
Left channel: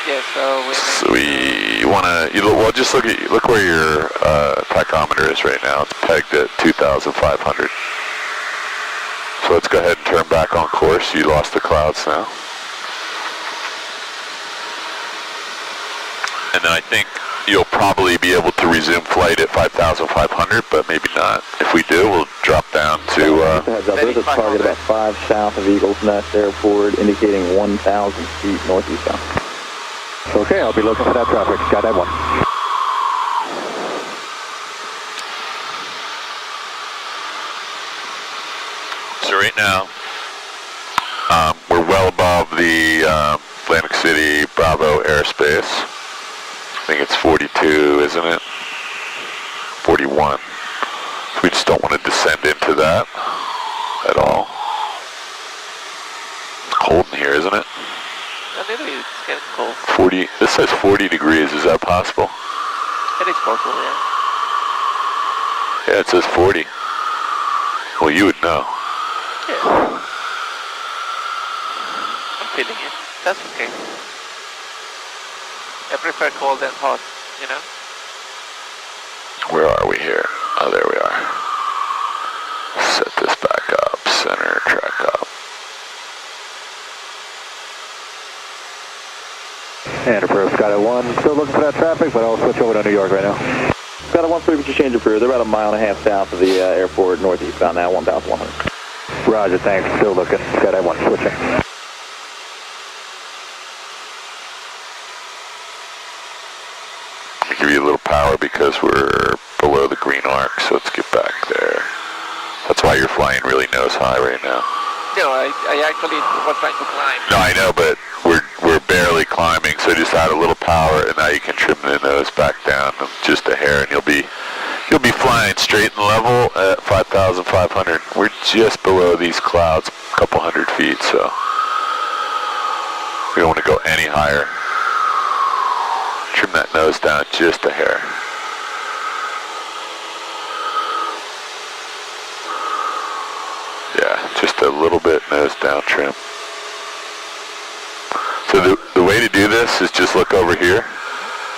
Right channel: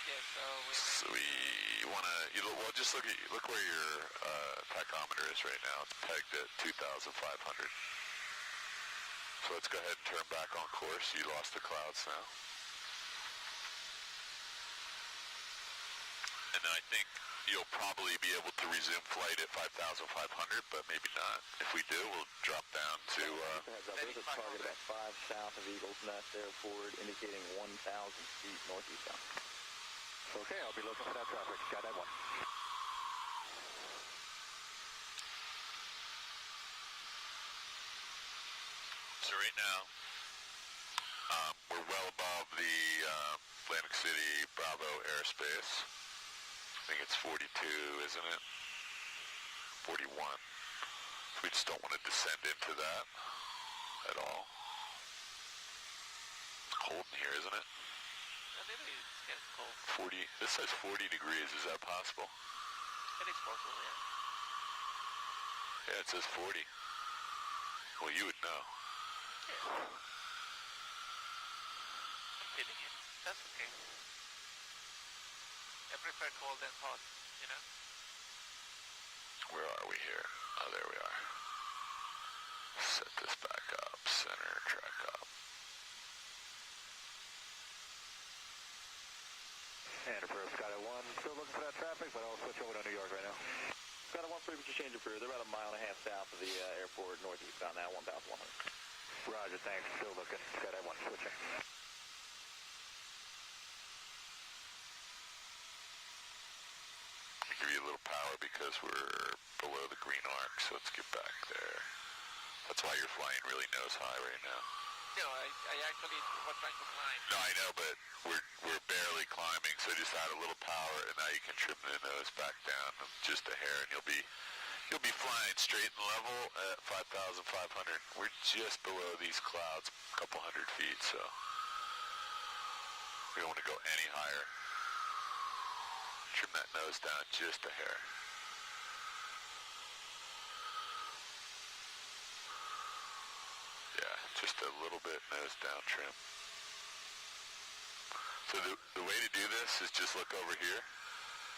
Yeah, so we want to, well, just look where your tachometer is right now. It's pegged at 2,500. So let's go ahead and turn back on course. You lost the clouds now. And then I think you'll probably be able to resume flight at 5,500, but maybe not. If we do, we'll drop down to... Heads up, there's a target about 5 south of Eagles Nest Airport, indicating 1,000 feet northeast bound. Okay, I'll be looking for that traffic. Got that one. So right now, we're well above the Atlantic City Bravo airspace. I think it's 42, isn't it? 41. So we just don't want to descend into that at all. It's cold in here, isn't it? a little bit, it's getting cold. 40, this says 40 degrees, is that possible? It is possible, yeah. Yeah, it says 40. Well, you would know. Yeah. I'm feeling it. That's okay. I prefer cold than hot, you know? Where are we here? Oh, there we are. Set this back up, center, track up. And approve, Skyline 1, still looking for that traffic, but I'll switch over to New York right now. Skyline 1, please change approved. They're about a mile and a half south of the airport, northeast bound now, 1,100. Roger, thanks, still looking. Skyline 1, switching. I'll give you a little power because we're below the green arc, so let's get back there. That's why you're flying really nose high right now. No, I actually was trying to climb. No, I know, but we're barely climbing, so just add a little power, and now you can trim the nose back down just a hair, and you'll be flying straight and level at 5,500. We're just below these clouds, a couple hundred feet, so we don't want to go any higher. Trim that nose down just a hair. Yeah, just a little bit nose down trim. So the way to do this is just look over here.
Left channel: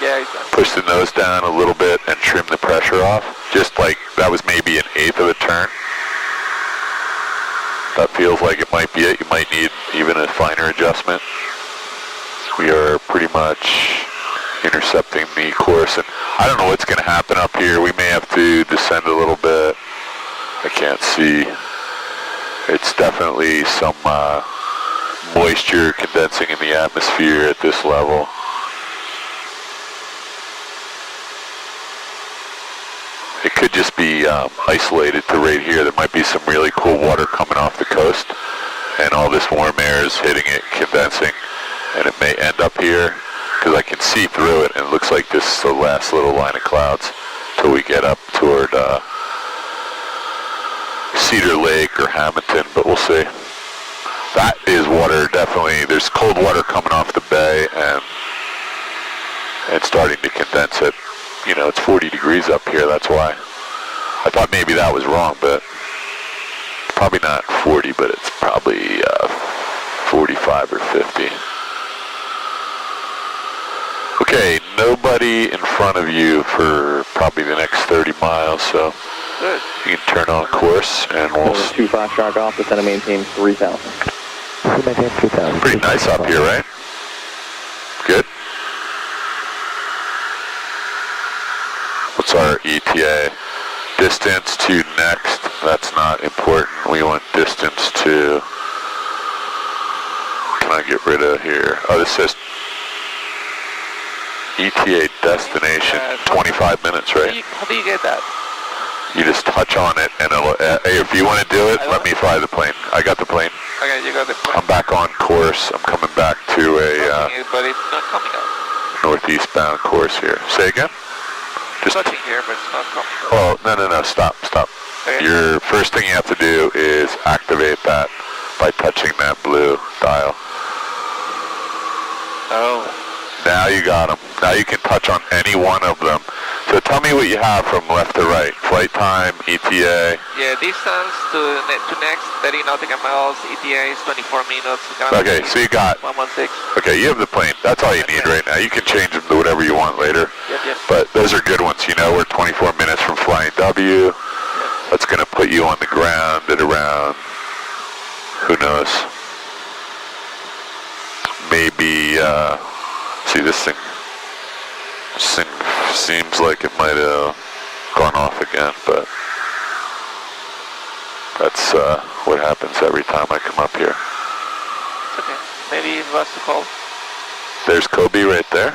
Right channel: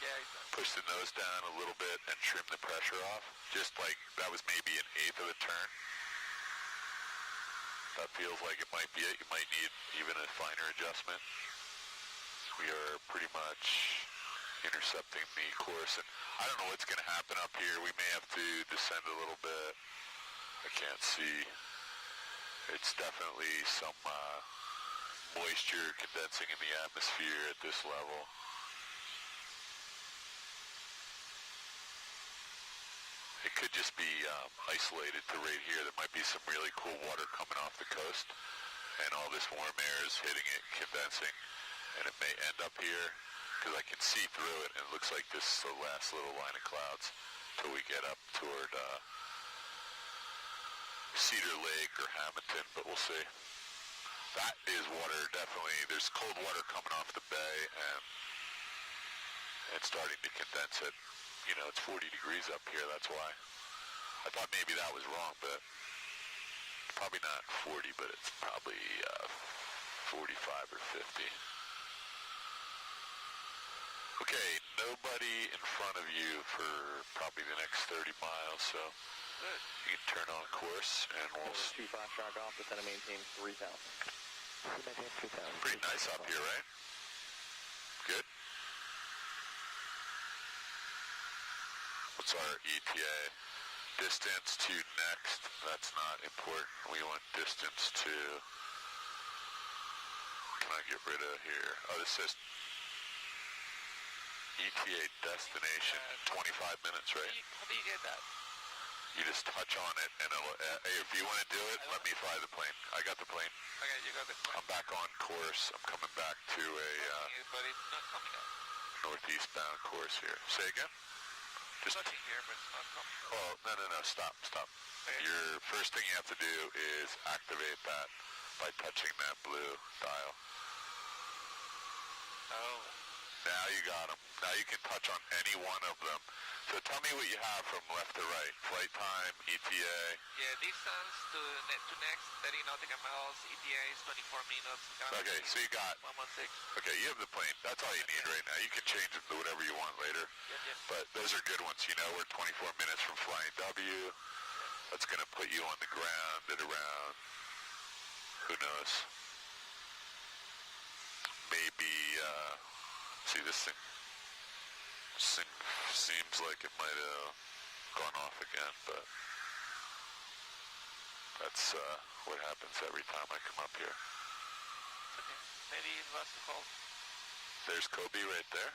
Yeah, Push the nose down a little bit and trim the pressure off. Just like that was maybe an eighth of a turn. That feels like it might be it. You might need even a finer adjustment. We are pretty much intercepting the course, and I don't know what's going to happen up here. We may have to descend a little bit. I can't see. It's definitely some moisture condensing in the atmosphere at this level. It could just be isolated to right here. There might be some really cool water coming off the coast, and all this warm air is hitting it, condensing, and it may end up here, because I can see through it, and it looks like this is the last little line of clouds till we get up toward Cedar Lake or Hamilton, but we'll see. That is water, definitely. There's cold water coming off the bay, and it's starting to condense it. You know, it's 40 degrees up here, that's why. I thought maybe that was wrong, but probably not 40, but it's probably 45 or 50. Okay, nobody in front of you for probably the next 30 miles, so good. You can turn on course, and we'll... 25 shark off, descend and maintain 3,000. Maintain 3,000. Pretty nice up here, right? Good. What's our ETA? Distance to next, that's not important. We want distance to can I get rid of here? Oh, this says ETA destination, 25 minutes, right? How do you get that? You just touch on it, and it'll, hey, if you want to do it, let me fly the plane. I got the plane. Okay, you got the plane. I'm back on course. I'm coming back to a But it's not coming out. northeastbound course here. Say again? It's touching here, but it's not coming out. Oh, no, stop. Okay. Your first thing you have to do is activate that by touching that blue dial. Oh. Now you got them. Now you can touch on any one of them. So tell me what you have from left to right. Flight time, ETA. Yeah, distance to next, 30 nautical miles, ETA is 24 minutes. Okay, so you got... 116. Okay, you have the plane. That's all you need right now. You can change them to whatever you want later. Yep. But those are good ones. You know, we're 24 minutes from flying W. Yep. That's going to put you on the ground at around, who knows, maybe, see this thing seems like it might have gone off again, but that's what happens every time I come up here. It's okay. Maybe it was too cold. There's Kobe right there.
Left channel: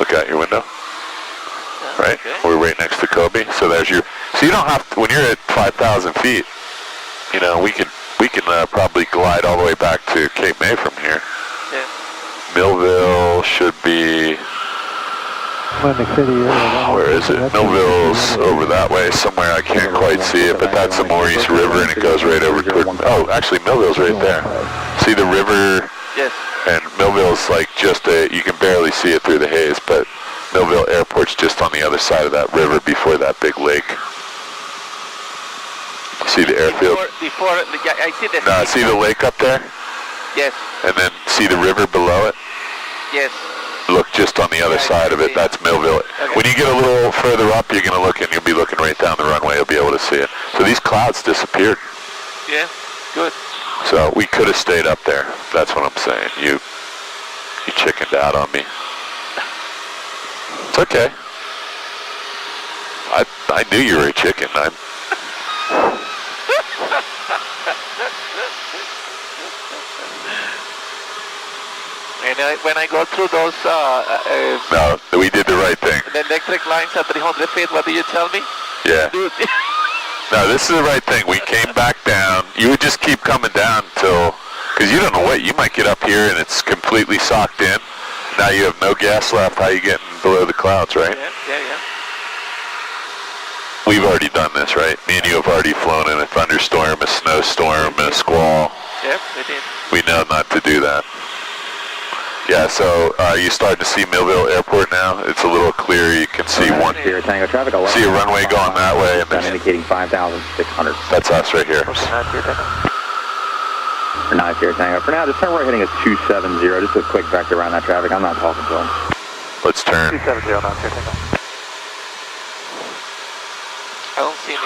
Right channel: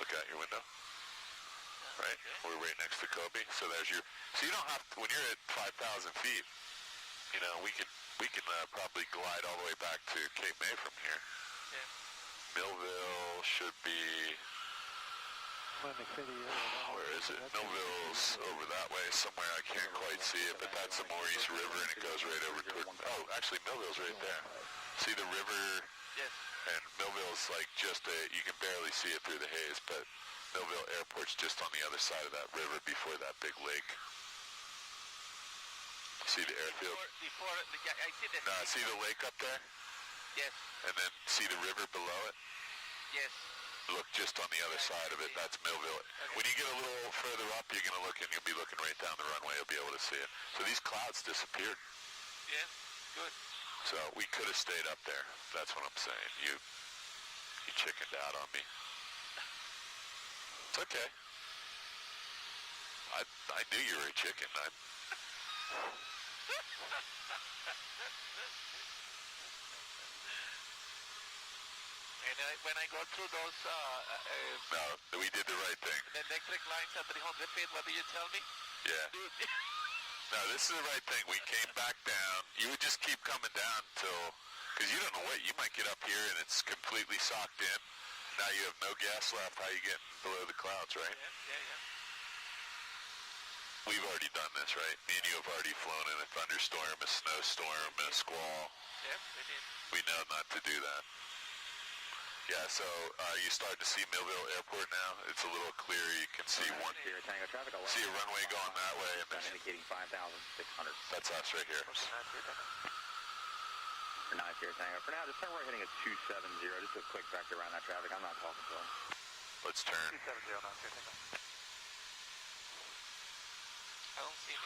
Look out your window. Yeah, right? okay. We're right next to Kobe. So there's your, so you don't have to, when you're at 5,000 feet, you know, we can probably glide all the way back to Cape May from here. Yeah. Millville should be, where is it? Millville's over that way somewhere. I can't quite see it, but that's the Maurice River, and it goes right over toward, oh, actually Millville's right there. See the river? Yes. And Millville's like just you can barely see it through the haze, but Millville Airport's just on the other side of that river before that big lake. See the airfield? Before yeah, I see the... No, see the lake up there? Yes. And then see the river below it? Yes. Look just on the other side of it. That's Millville. Okay. When you get a little further up, you're going to look and you'll be looking right down the runway. You'll be able to see it. So these clouds disappeared. Yeah, good. So we could have stayed up there. That's what I'm saying. You chickened out on me. It's okay. I knew you were a chicken. And when I go through those... no, we did the right thing. The electric lines at 300 feet, what do you tell me? Yeah. Dude. No, this is the right thing. We came back down. You would just keep coming down till... Because you don't know what. You might get up here and it's completely socked in. Now you have no gas left. How are you getting below the clouds, right? Yeah. We've already done this, right? Me and you have already flown in a thunderstorm, a snowstorm, and a squall. Yep, we did. We know not to do that. Yeah, so you starting to see Millville Airport now? It's a little clearer. You can see one. Sierra Tango traffic. See a runway going that way, and I'm indicating 5,600. that's us right here. For 9 Sierra Tango. For now, just turn right heading at 270. Just a quick vector around that traffic. I'm not talking to him. Let's turn. 270, 9 Sierra Tango.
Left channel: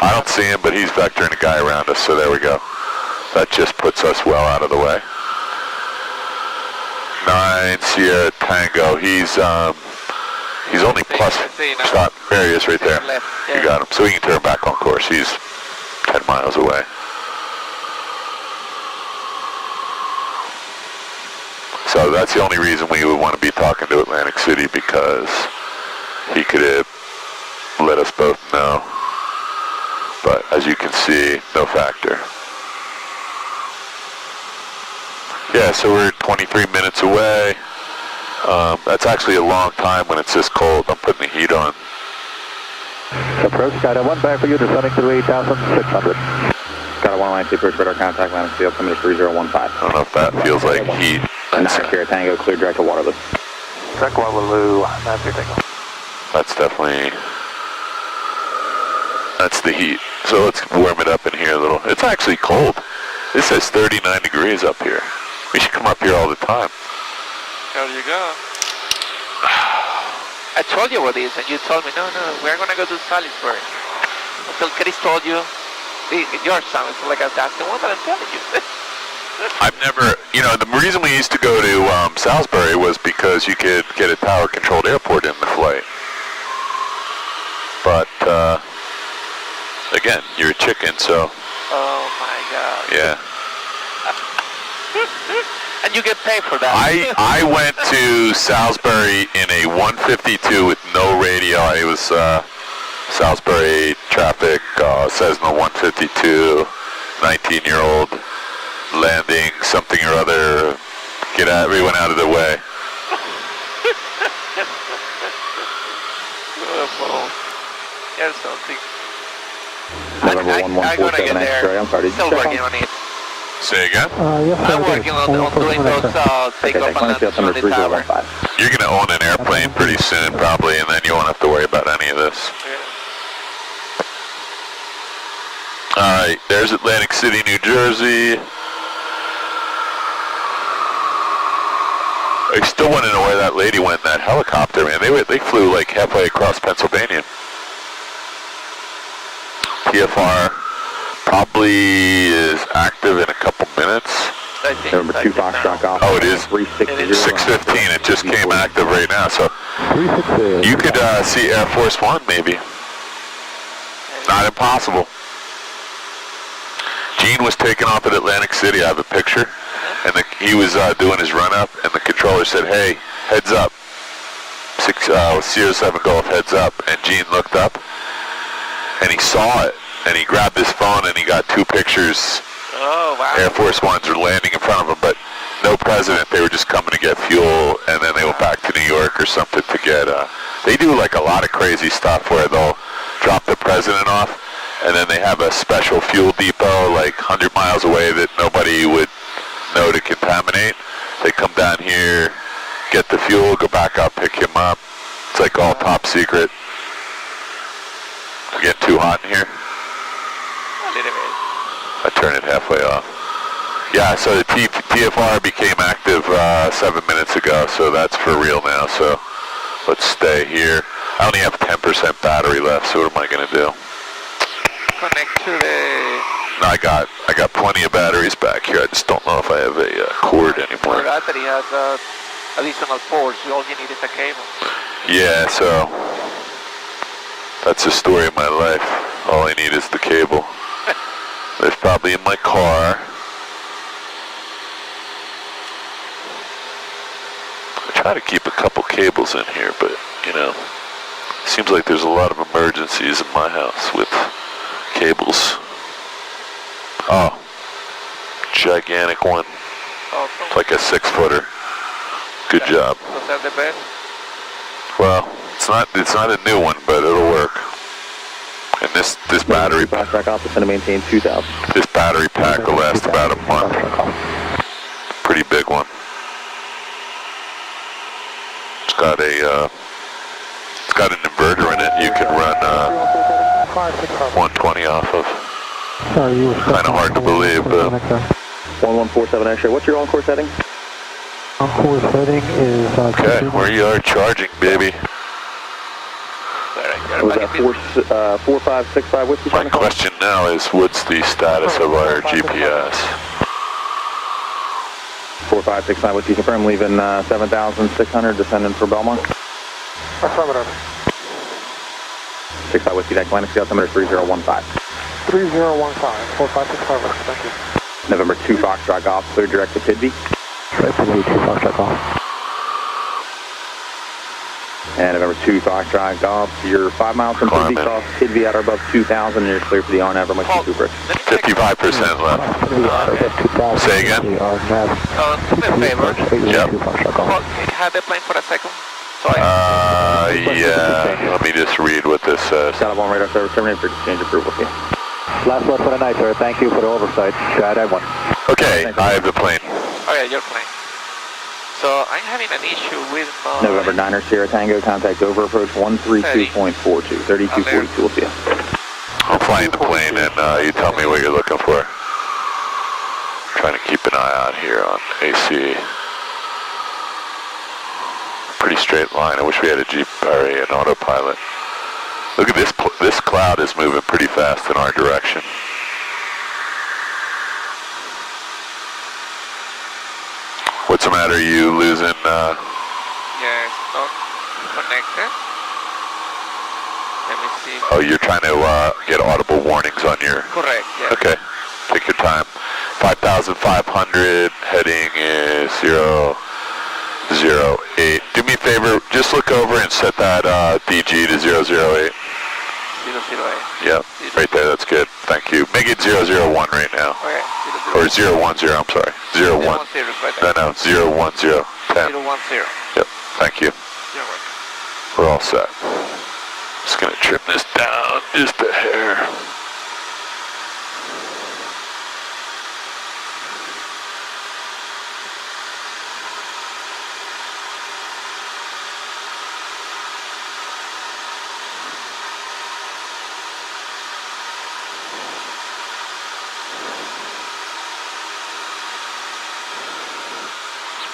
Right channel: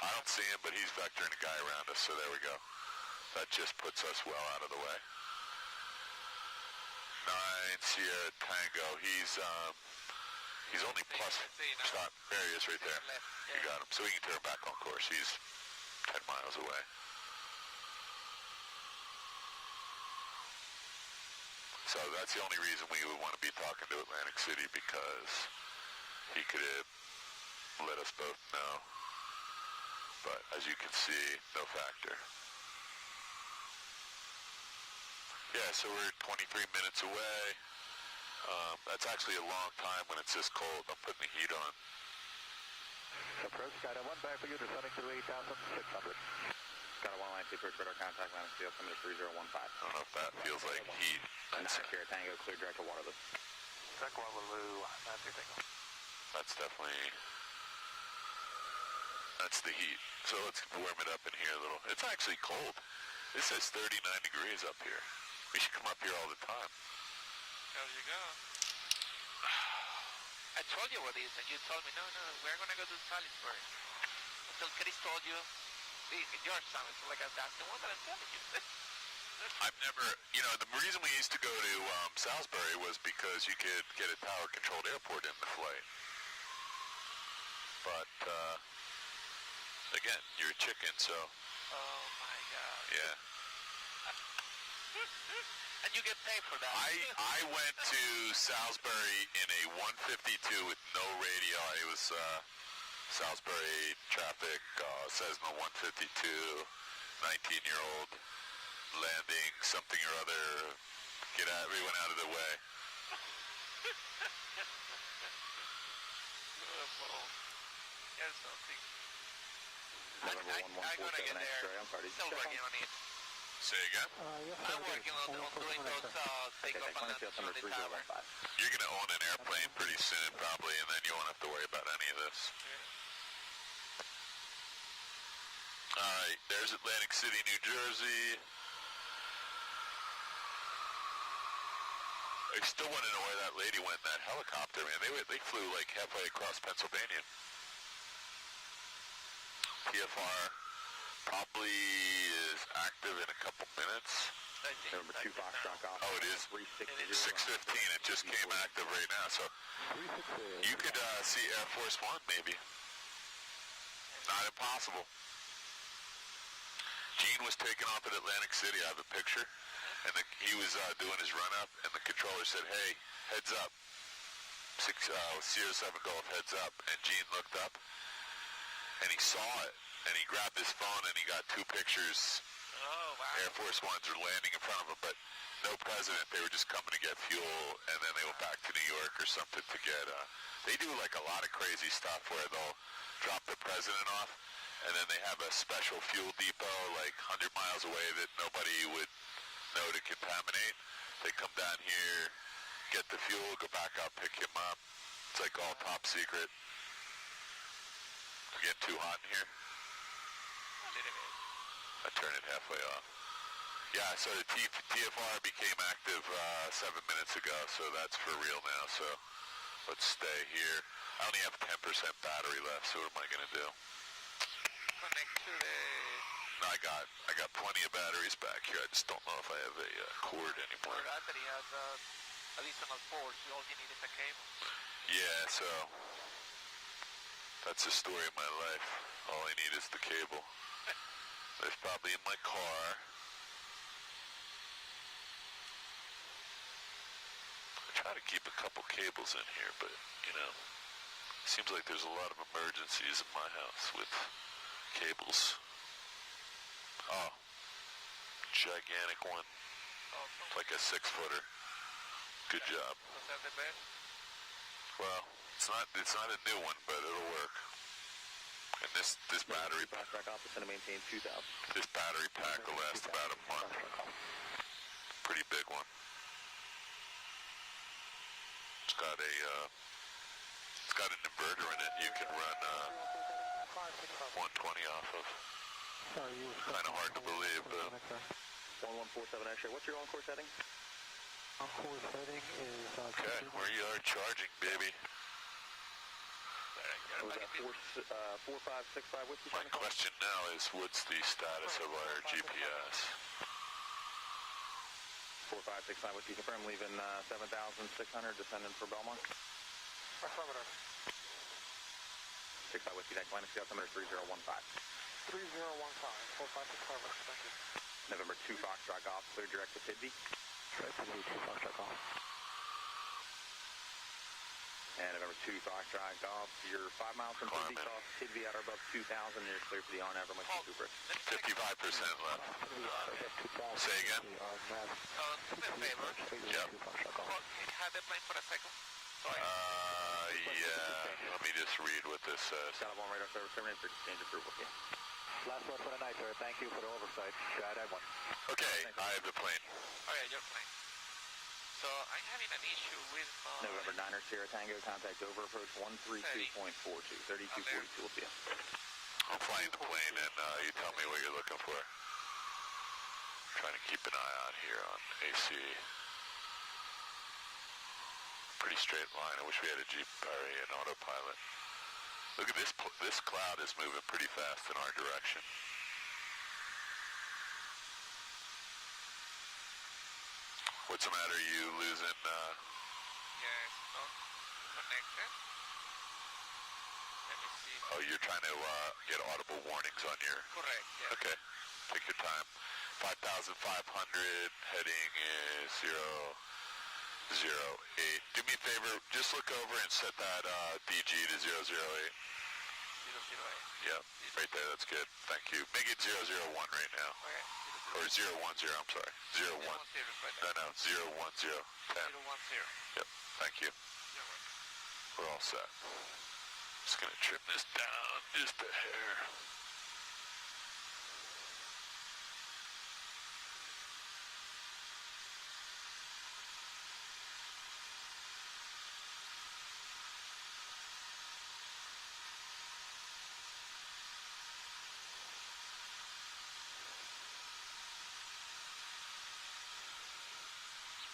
I don't see him, but he's vectoring a guy around us, so there we go. That just puts us well out of the way. 9 Sierra Tango. He's only plus. Stop. There he is, right there. You got him. So we can turn back on course. He's 10 miles away. So that's the only reason we would want to be talking to Atlantic City, because he could have let us both know. But as you can see, no factor. Yeah, so we're 23 minutes away. That's actually a long time when it's this cold. I'm putting the heat on. Approach, Skydive 1 back for you, descending to 8,600. Skydive 1 line, approach radar contact, landing field, coming to 3015. I don't know if that feels like heat. 9 Sierra Tango, clear direct to Waterloo. Direct Waterloo, 9 Sierra Tango. That's definitely, that's the heat. So let's warm it up in here a little. It's actually cold. This says 39 degrees up here. We should come up here all the time. There you go. I told you what it is, and you told me, no, we're going to go to Salisbury. Until Chris told you, your son is like, that's the one that I'm telling you. I've never, you know, the reason we used to go to Salisbury was because you could get a tower-controlled airport in the flight. But, again, you're a chicken, so... Oh, my God. Yeah. And you get paid for that. I went to Salisbury in a 152 with no radio. It was Salisbury traffic, Cessna 152, 19-year-old landing something or other. Get out, everyone out of the way. Here's something. November I'm gonna get 1147 there. X-ray. I'm sorry, did you Still check working on it. Say again? Yes, sir. I'm working on doing those takeoff Okay, and thanks. landing on the tower. 3015. You're going to own an airplane pretty soon, probably, and then you won't have to worry about any of this. All right, there's Atlantic City, New Jersey. I still want to know where that lady went in that helicopter, man. They flew like halfway across Pennsylvania. TFR probably is active in a couple minutes. I think November 2 Foxtrot Golf. Oh, it is 360. 6:15. It just came active right now, so 360. you could see Air Force One maybe. Not impossible. Gene was taken off at Atlantic City. I have a picture, and he was doing his run up, and the controller said, "Hey, heads up, Sierra 7 Golf, heads up." And Gene looked up, and he saw it, and he grabbed his phone, and he got 2 pictures. Oh, wow. Air Force Ones were landing in front of him, but no president. They were just coming to get fuel, and then they went back to New York or something to get, they do like a lot of crazy stuff where they'll drop the president off, and then they have a special fuel depot like 100 miles away that nobody would know to contaminate. They come down here, get the fuel, go back up, pick him up. It's like all top secret. We're getting too hot in here. A little bit. I turn it halfway off. Yeah, so the TFR became active 7 minutes ago, so that's for real now. So let's stay here. I only have 10% battery left, so what am I going to do? Connect to the... No, I got plenty of batteries back here. I just don't know if I have a cord anymore. The battery has additional ports. All you need is a cable. Yeah, so that's the story of my life. All I need is the cable. It's probably in my car. I try to keep a couple cables in here, but, you know, seems like there's a lot of emergencies in my house with cables. Oh, gigantic one. Awesome. It's like a 6-footer. Good job. Was that the best? Well, it's not a new one, but it'll work. And this battery Foxtrot Golf is going to maintain 2,000. this battery pack will last about a month. Pretty big one. It's got an inverter in it. You can run 120 off of. Kind of hard to believe, but 1147 X-ray. What's your on-course heading? On-course heading is... okay, where you are charging, baby. Was that 4565 Whiskey? My question now is, what's the status of our GPS? 4565 Whiskey, confirm leaving 7,600, descending for Belmont. Affirmative. 65 Whiskey, deck line, scale altimeter 3015. 3015, 4565, thank you. November 2 Foxtrot Golf, clear direct to Pidby. Right to the 2 Foxtrot Golf. And November 2 Foxtrot Golf, you're 5 miles from Pidby, cross Pidby at or above 2,000, and you're clear for the on-ever Monkey Cooper. 55% left. Say again? Do me a favor. Yep. Have the plane for a second. Sorry. Yeah. Let me just read what this says. Got on radar service terminated for exchange approval. Last word for the night, sir. Thank you for the oversight. KGED N14. Okay, I have the plane. Okay, your plane. So I'm having an issue with my... November 9er Sierra Tango, contact over approach 132.42, 3242, we'll see you. I'm flying the plane, and you tell me what you're looking for. Trying to keep an eye out here on AC. Pretty straight line. I wish we had a Jeep or an autopilot. Look at this. This cloud is moving pretty fast in our direction. What's the matter? You losing? Yes, not connected. Let me see. Oh, you're trying to get audible warnings on your... Correct, yes. Okay. Take your time. 5,500, heading is 008. Do me a favor, just look over and set that DG to 008. 008. Yep, right there, that's good. Thank you. Make it 001 right now. Okay. Or 010, I'm sorry. 01. Right there. No, 010. 10. 010. Yep, thank you. 010. We're all set. Just gonna trim this down just a hair.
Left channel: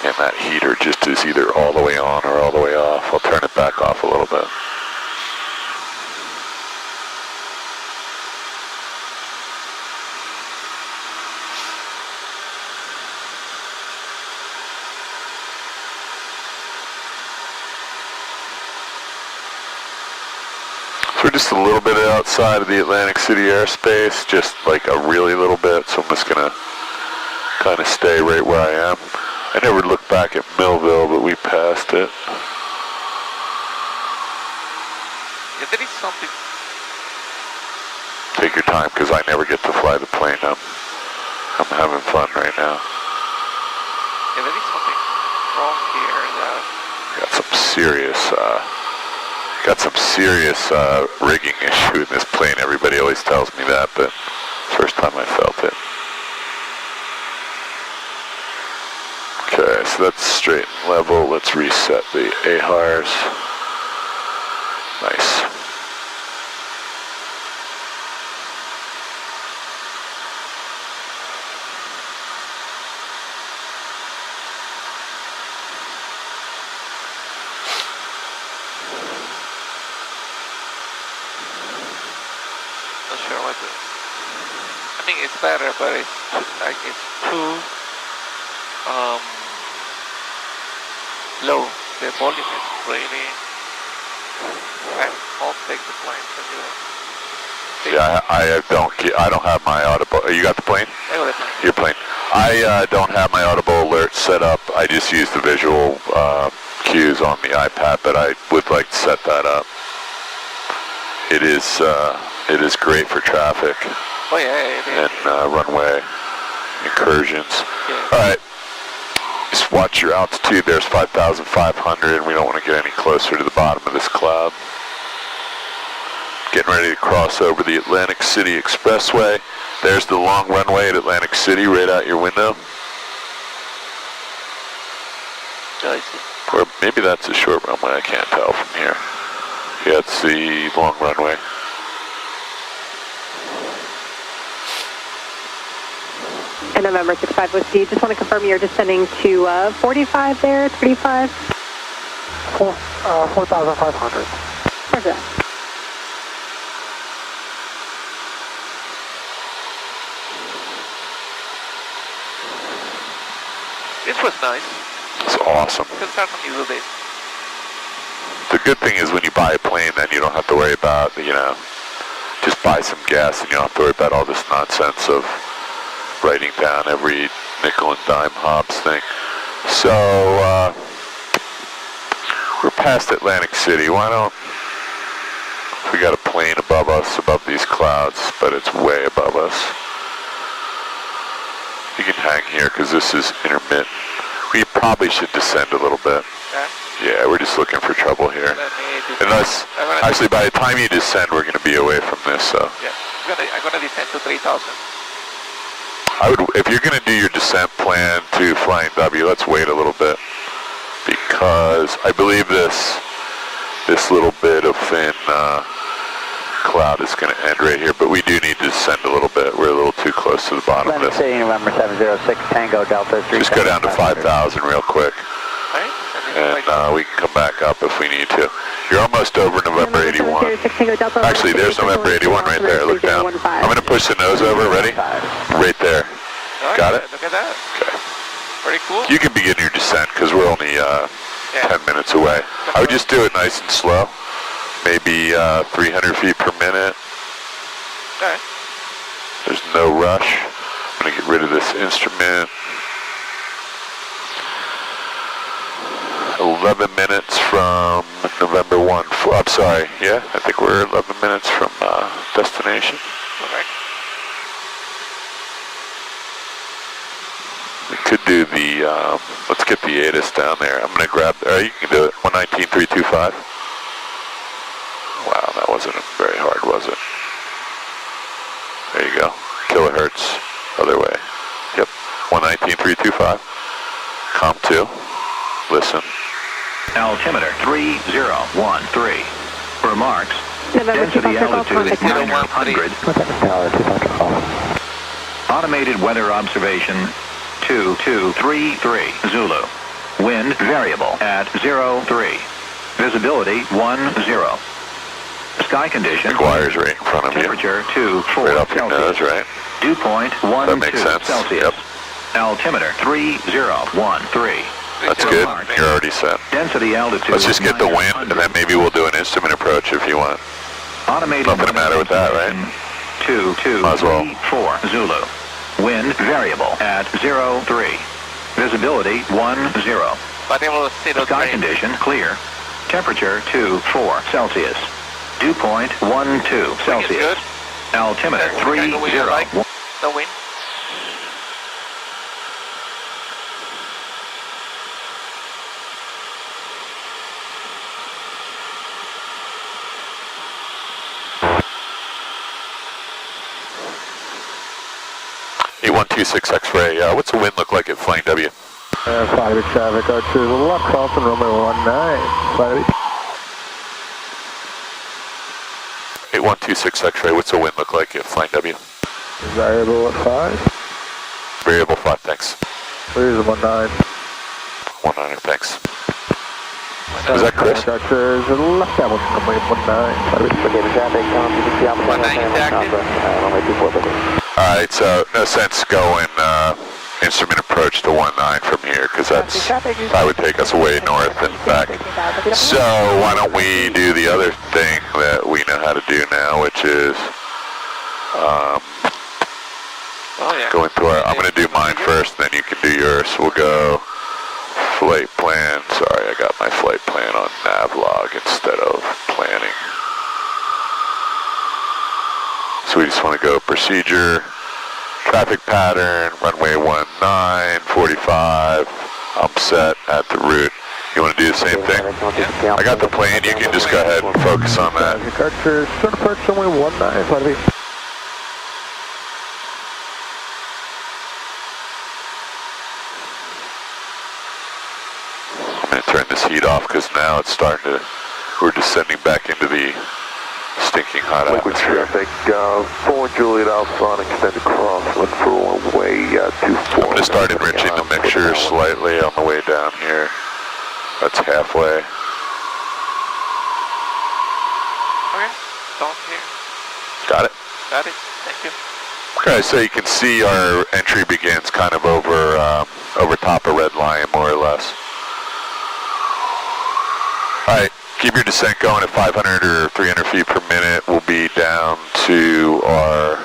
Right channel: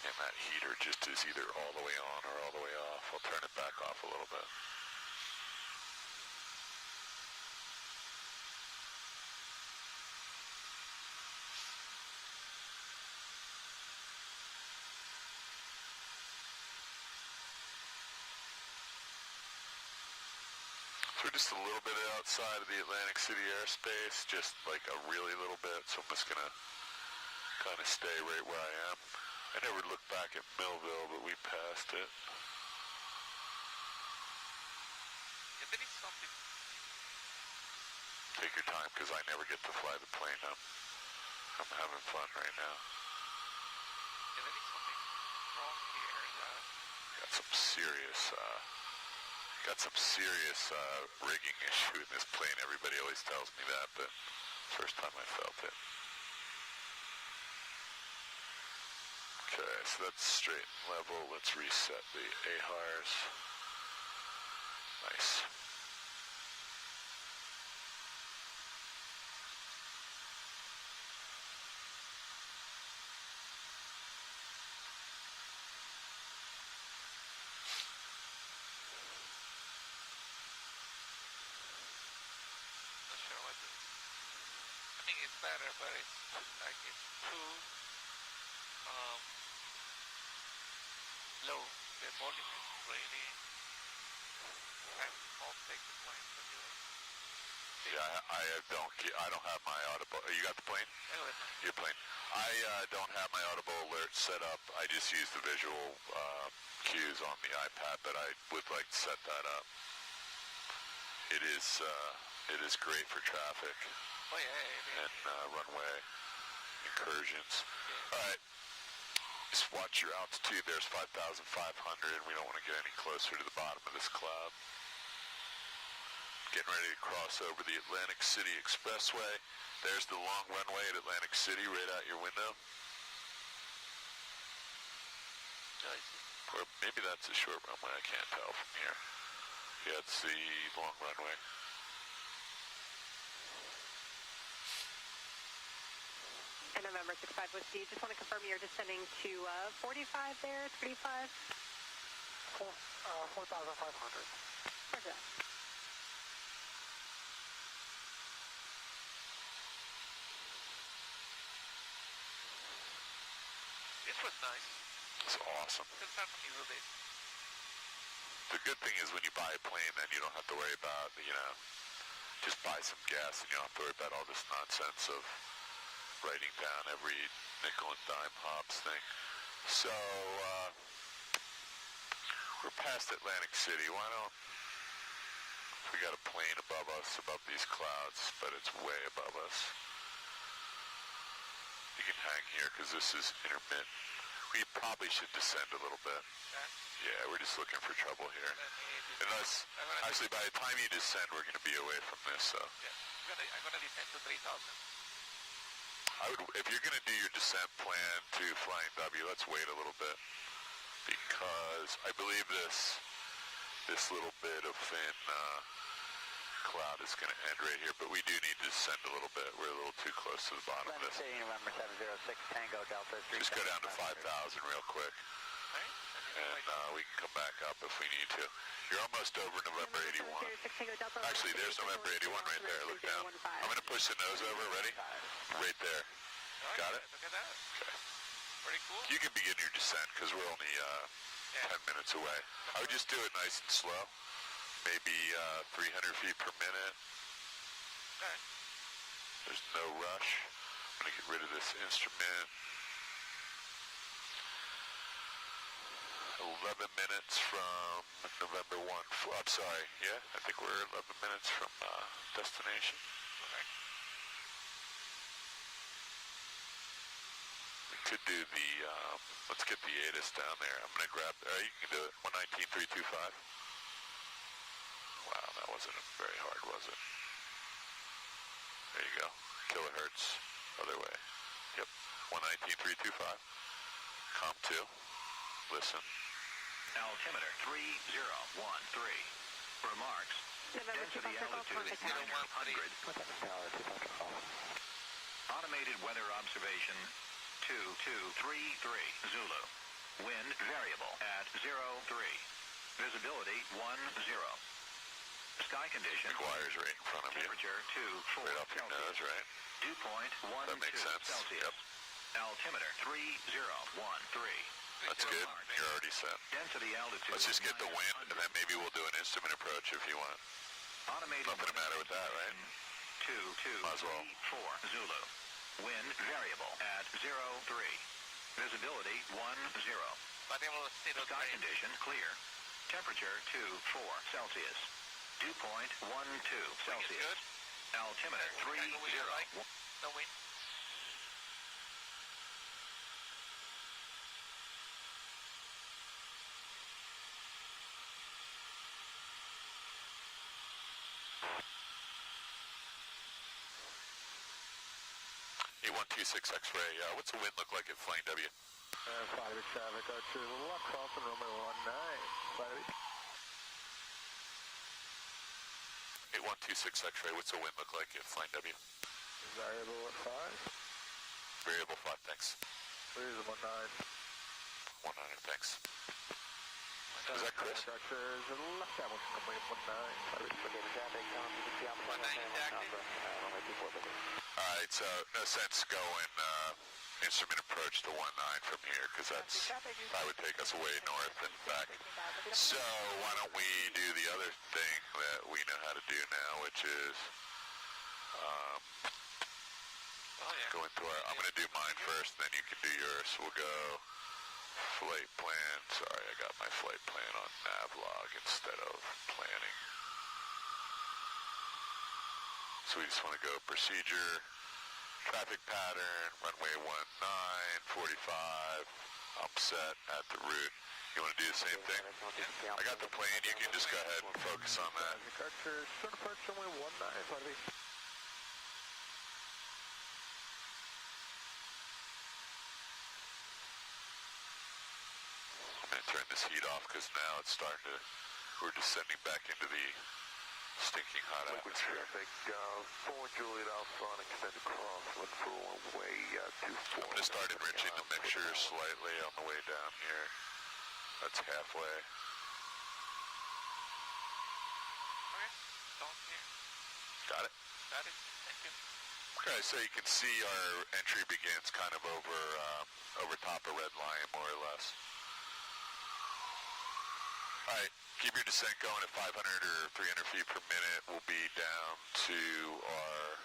And that heater just is either all the way on or all the way off. I'll turn it back off a little bit. So we're just a little bit outside of the Atlantic City airspace, just like a really little bit, so I'm just gonna kind of stay right where I am. I never looked back at Millville, but we passed it. Yeah, there is something. Take your time, because I never get to fly the plane. I'm having fun right now. Yeah, there is something wrong here. Got some serious rigging issue in this plane. Everybody always tells me that, but first time I felt it. Okay, so that's straight and level. Let's reset the AHRs. Nice. Not sure what to. I think it's better, but it's like it's too low. The volume is really. I'll take the plane from you. Yeah, I don't have my audible. You got the plane? I got the plane. Your plane. I don't have my audible alert set up. I just use the visual cues on the iPad, but I would like to set that up. It is great for traffic. Oh yeah, it is. And runway incursions. Yeah. All right. Just watch your altitude. There's 5,500. We don't want to get any closer to the bottom of this cloud. Getting ready to cross over the Atlantic City Expressway. There's the long runway at Atlantic City right out your window. I see. Or maybe that's a short runway. I can't tell from here. Yeah, it's the long runway. And November 65 Whiskey, just want to confirm you're descending to 45 there, 35? 4,500. Where's that? This was nice. It's awesome. You can certainly do this. The good thing is when you buy a plane, then you don't have to worry about, just buy some gas and you don't have to worry about all this nonsense of writing down every nickel and dime Hobbs thing. So, we're past Atlantic City. We got a plane above us, above these clouds, but it's way above us. You can hang here because this is intermittent. We probably should descend a little bit. Yeah, we're just looking for trouble here. Unless, actually, by the time you descend, we're going to be away from this, so. Yeah, I'm going to descend to 3,000. If you're going to do your descent plan to Flying W, let's wait a little bit, because I believe this little bit of thin cloud is going to end right here, but we do need to descend a little bit. We're a little too close to the bottom of this. City, November 706, Tango Delta 3. Just go down to 5,000 real quick, and we can come back up if we need to. You're almost over November 81. Actually, there's November 81 right there. Look down. I'm going to push the nose over. Ready? Right there. Got it? Look at that. Okay. Pretty cool. You can begin your descent because we're only 10 minutes away. I would just do it nice and slow. Maybe 300 feet per minute. Okay. There's no rush. I'm going to get rid of this instrument. 11 minutes from November 1. I'm sorry, yeah, I think we're 11 minutes from destination. Okay. We could do the, let's get the ATIS down there. I'm going to grab, you can do it, 119.325. Wow, that wasn't very hard, was it? There you go. Kilohertz, other way. Yep, 119.325. Com 2, listen. Altimeter 3013. Remarks. November Density 2 altitude is 900. Tower 2 off. Automated weather observation 2233 Zulu. Wind variable at 03. Visibility 10. Sky condition. McGuire's right in front of you. Temperature 24 Right up your Celsius. nose, right? Dew point That makes 12 sense. Celsius. Yep. Altimeter 3013. That's good. You're already set. Density altitude. Let's just get the wind, 900. and then maybe we'll do an instrument approach if you want. Automated Nothing the matter with that, right? 2234 Zulu. Wind variable at 03. Visibility 10. Variable 0. Sky condition clear. Temperature 24 Celsius. Dew point 12 Celsius. Good. Altimeter That's the kind of wind you like, 30. the wind. E126 X-ray, what's the wind look like at Flying W? 5 traffic, Archer, left crossing Romeo 19. 8126 X-ray, what's the wind look like at Flying W? Variable at 5. Variable 5, thanks. Clears at 19. 19, thanks. Was that Chris? Archer, left down Romeo 19. Alright, so no sense going instrument approach to 19 from here, because that would take us way north and back. So why don't we do the other thing that we know how to do now, which is going through our, I'm going to do mine first, then you can do yours. We'll go flight plan. Sorry, I got my flight plan on Navlog instead of planning. So we just want to go procedure, traffic pattern, runway 19, 45, I'm set at the route. You want to do the same thing? Yeah. I got the plane, you can just go ahead and focus on that. Archer, start approach runway 19, I'm going to turn this heat off because now it's starting to, we're descending back into the stinking hot atmosphere. Traffic, 4 Juliet Alpha on extended cross, look for runway 24. I'm going to start enriching the mixture slightly on the way down here. That's halfway. Okay, don't here. Got it? Got it, thank you. Okay, so you can see our entry begins kind of over top of Red Lion, more or less. All right, keep your descent going at 500 or 300 feet per minute. We'll be down to our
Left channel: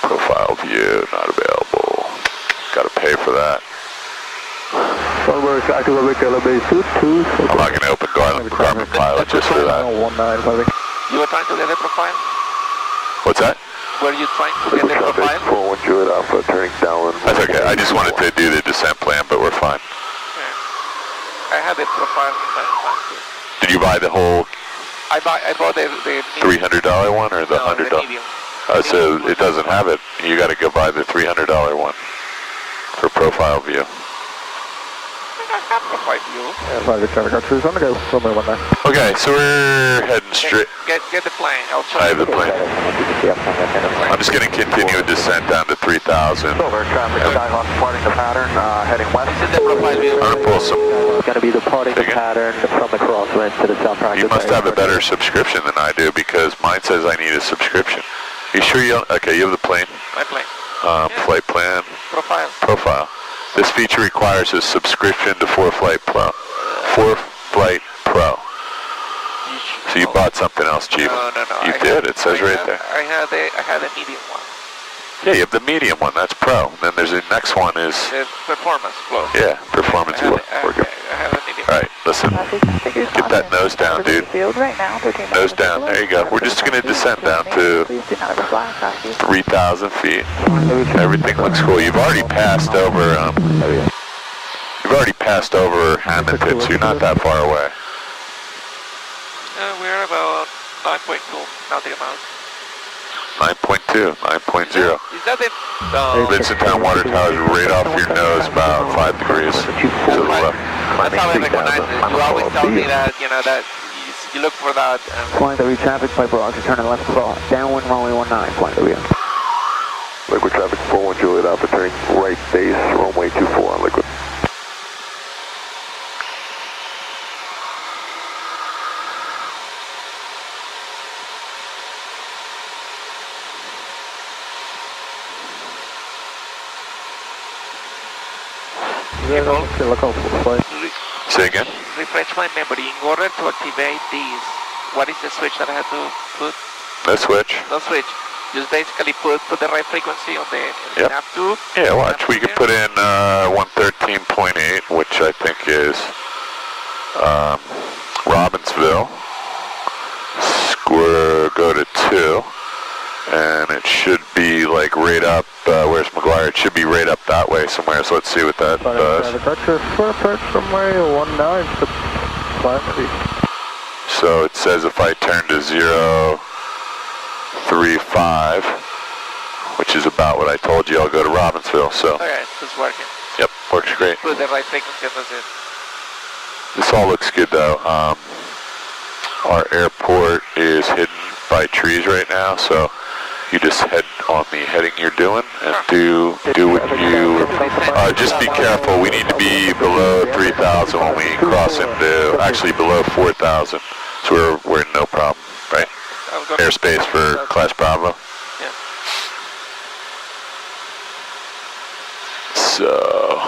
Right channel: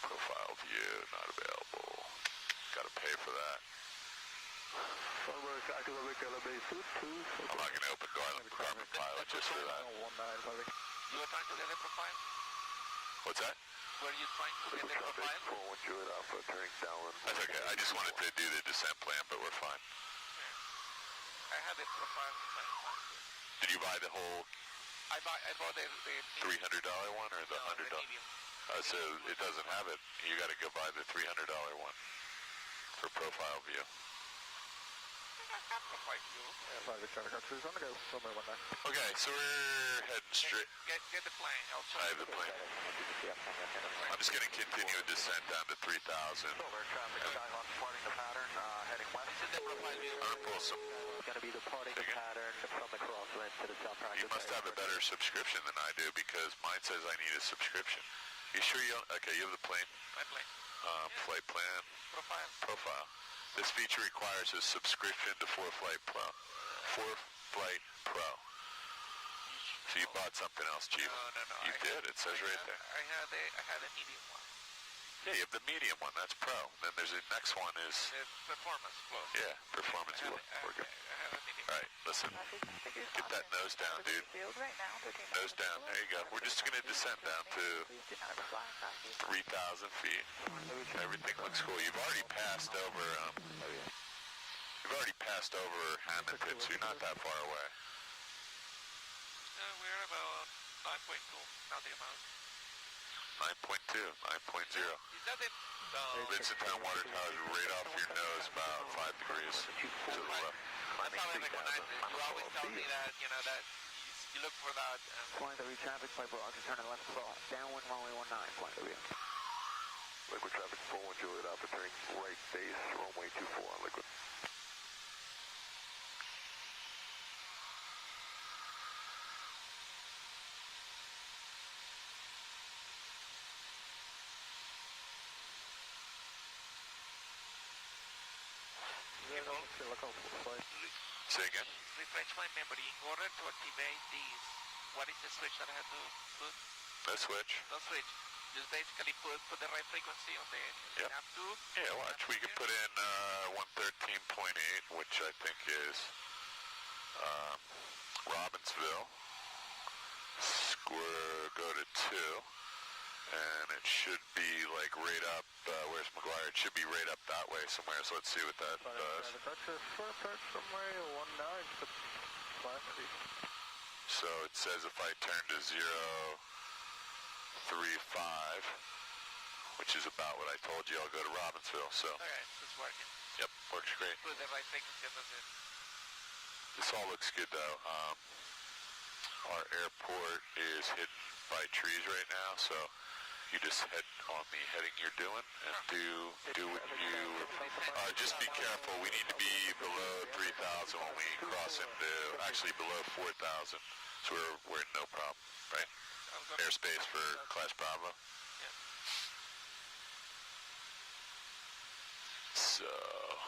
profile view, not available. Got to pay for that. I'm not going to open Garmin Pilot just for that. You were trying to get a profile? What's that? Were you trying to get a profile? 4 Juliet Alpha, turning down. That's okay. I just wanted to do the descent plan, but we're fine. I had a profile. Did you buy the whole I bought the $300 one or the no, $100? the medium. So it doesn't have it. You got to go buy the $300 one for profile view. I have profile view. Okay, so we're heading straight. Get the plane. I'll show I you. have the plane. I'm just going to continue a descent down to 3,000. Silver traffic, Skyhawk departing the pattern, heading west. This is the profile view. I'm going to pull some. Going to be departing the pattern from the crosswind to the south. You must have a better subscription than I do because mine says I need a subscription. You sure you don't? Okay, you have the plane? My plane. Flight plan. Profile. Profile. This feature requires a subscription to 4Flight Pro. 4Flight Pro. You So you bought something else cheap? No. You did. It says right there. I had a medium one. Yeah, you have the medium one. That's Pro. And then there's the next one is... The Performance Plus. Yeah, Performance. We're good. I have a medium. All right, listen. Get that nose down, dude. Nose down. There you go. We're just going to descend down to 3,000 feet. Everything looks cool. You've already passed over... Hamilton, so you're not that far away. We're about 9.2 nautical miles. 9.2, 9.0. Is that it? Vincenttown water tower is right off your nose, about 5 degrees to the left. That's how I recognize it. You always tell me that, that you look for that. Flying W traffic, Piper Roger, turning left crawl. Downwind runway 19, flying W. Liquid traffic 41 Juliet Alpha, turning right base, runway 24 on liquid. Say again? Refresh my memory. In order to activate these, what is the switch that I have to put? No switch. No switch. Just basically put the right frequency on the nav tube. Yeah, watch. We can put in 113.8, which I think is Robbinsville. Go to 2. And it should be like right up, where's McGuire? It should be right up that way somewhere, so let's see what that does. So it says if I turn to 035, which is about what I told you, I'll go to Robbinsville, so. Okay, it's working. Yep, works great. Put the right frequency and that's it. This all looks good though. Our airport is hidden by trees right now, so you just head on the heading you're doing and do what you, just be careful. We need to be below 3,000 when we cross into, actually below 4,000. So we're in no problem, right? Airspace for Class Bravo. Yeah. So...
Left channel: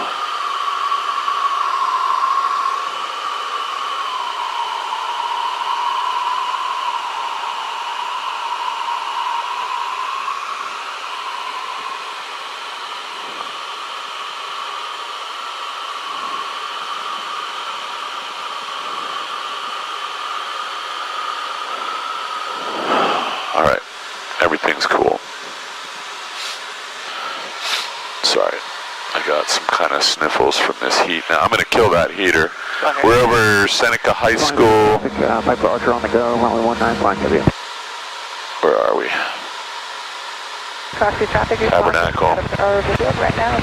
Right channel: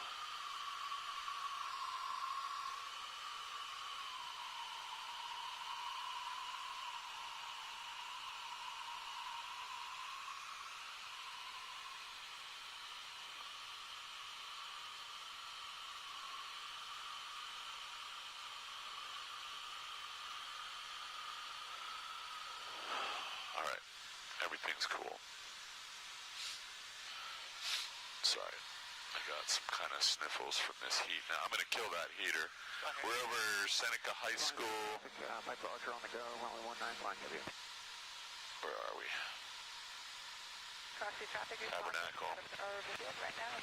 All right, everything's cool. Sorry, I got some kind of sniffles from this heat. Now I'm gonna kill that heater. We're over Seneca High School. Piper Archer on the go, runway 19, flying W. Where are we? Tabernacle. Right now,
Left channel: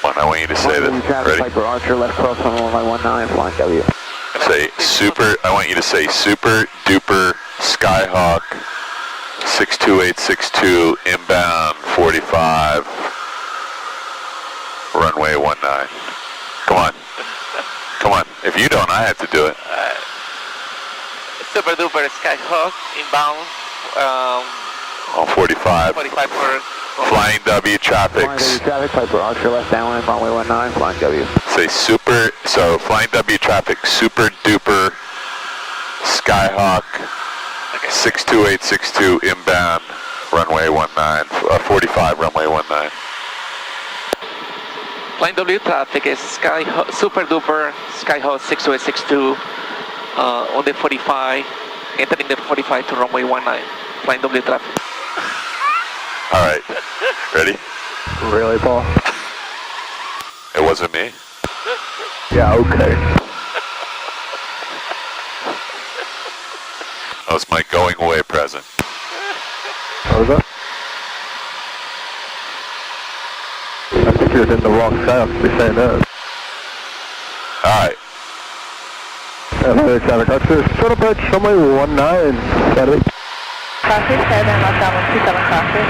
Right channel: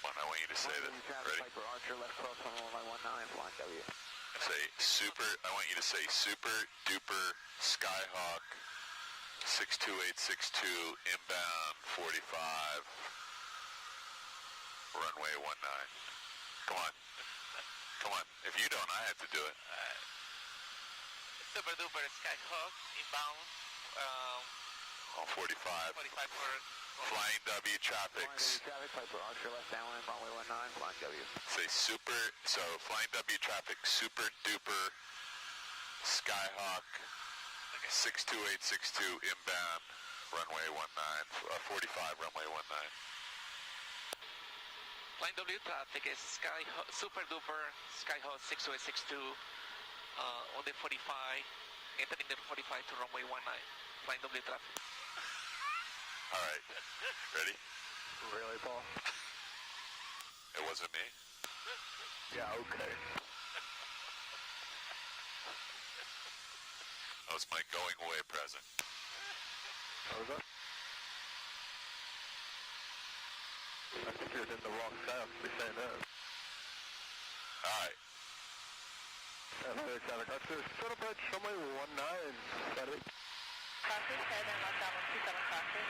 Come on, I want you to say this. Ready? Piper Archer, left cross on runway 19, flying W. Say super, I want you to say super duper Skyhawk 62862 inbound 45 runway 19. Come on. Come on. If you don't, I have to do it. Super duper Skyhawk inbound. On 45. 45 for Flying W traffic. Flying W traffic, Piper Archer, left downwind, runway 19, flying W. Say super, so Flying W traffic, super duper Skyhawk 62862 inbound runway 19, 45 runway 19. Flying W traffic is super duper Skyhawk 62862 on the 45, entering the 45 to runway 19. Flying W traffic. All right, ready? Really, Paul? It wasn't me? Yeah, okay. That was my going away present. What was that? you're in the wrong south, be saying that. Alright. Traffic Archer, short approach, runway 19, Saturday. Crossing 7, left down 127 crossing.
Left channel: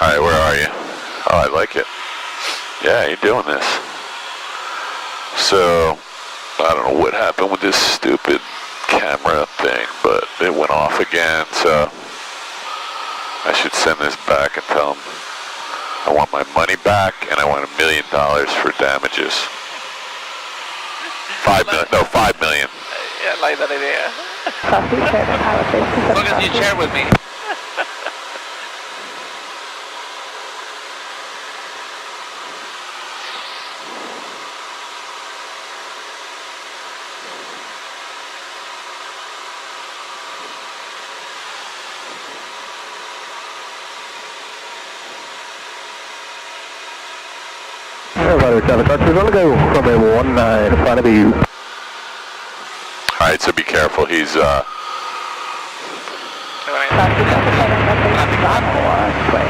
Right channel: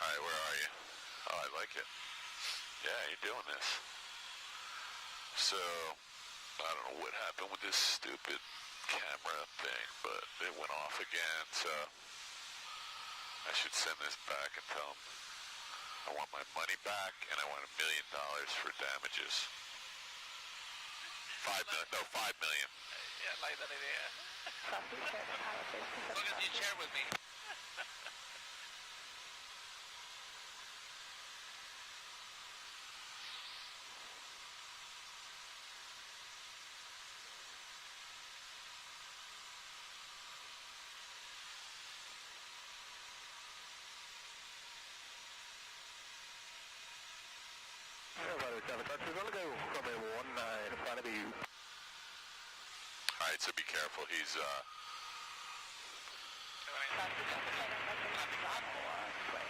Alright, where are you? Oh, I like it. Yeah, you're doing this. So, I don't know what happened with this stupid camera thing, but it went off again, so I should send this back and tell them I want my money back and I want $1 million for damages. 5 million, no, 5 million. Yeah, I like that idea. Crossing 7, pilot base 27 As long as you share with me. Traffic Archer, we're going to go runway 19, in front of you. Alright, so be careful, he's Crossing 7,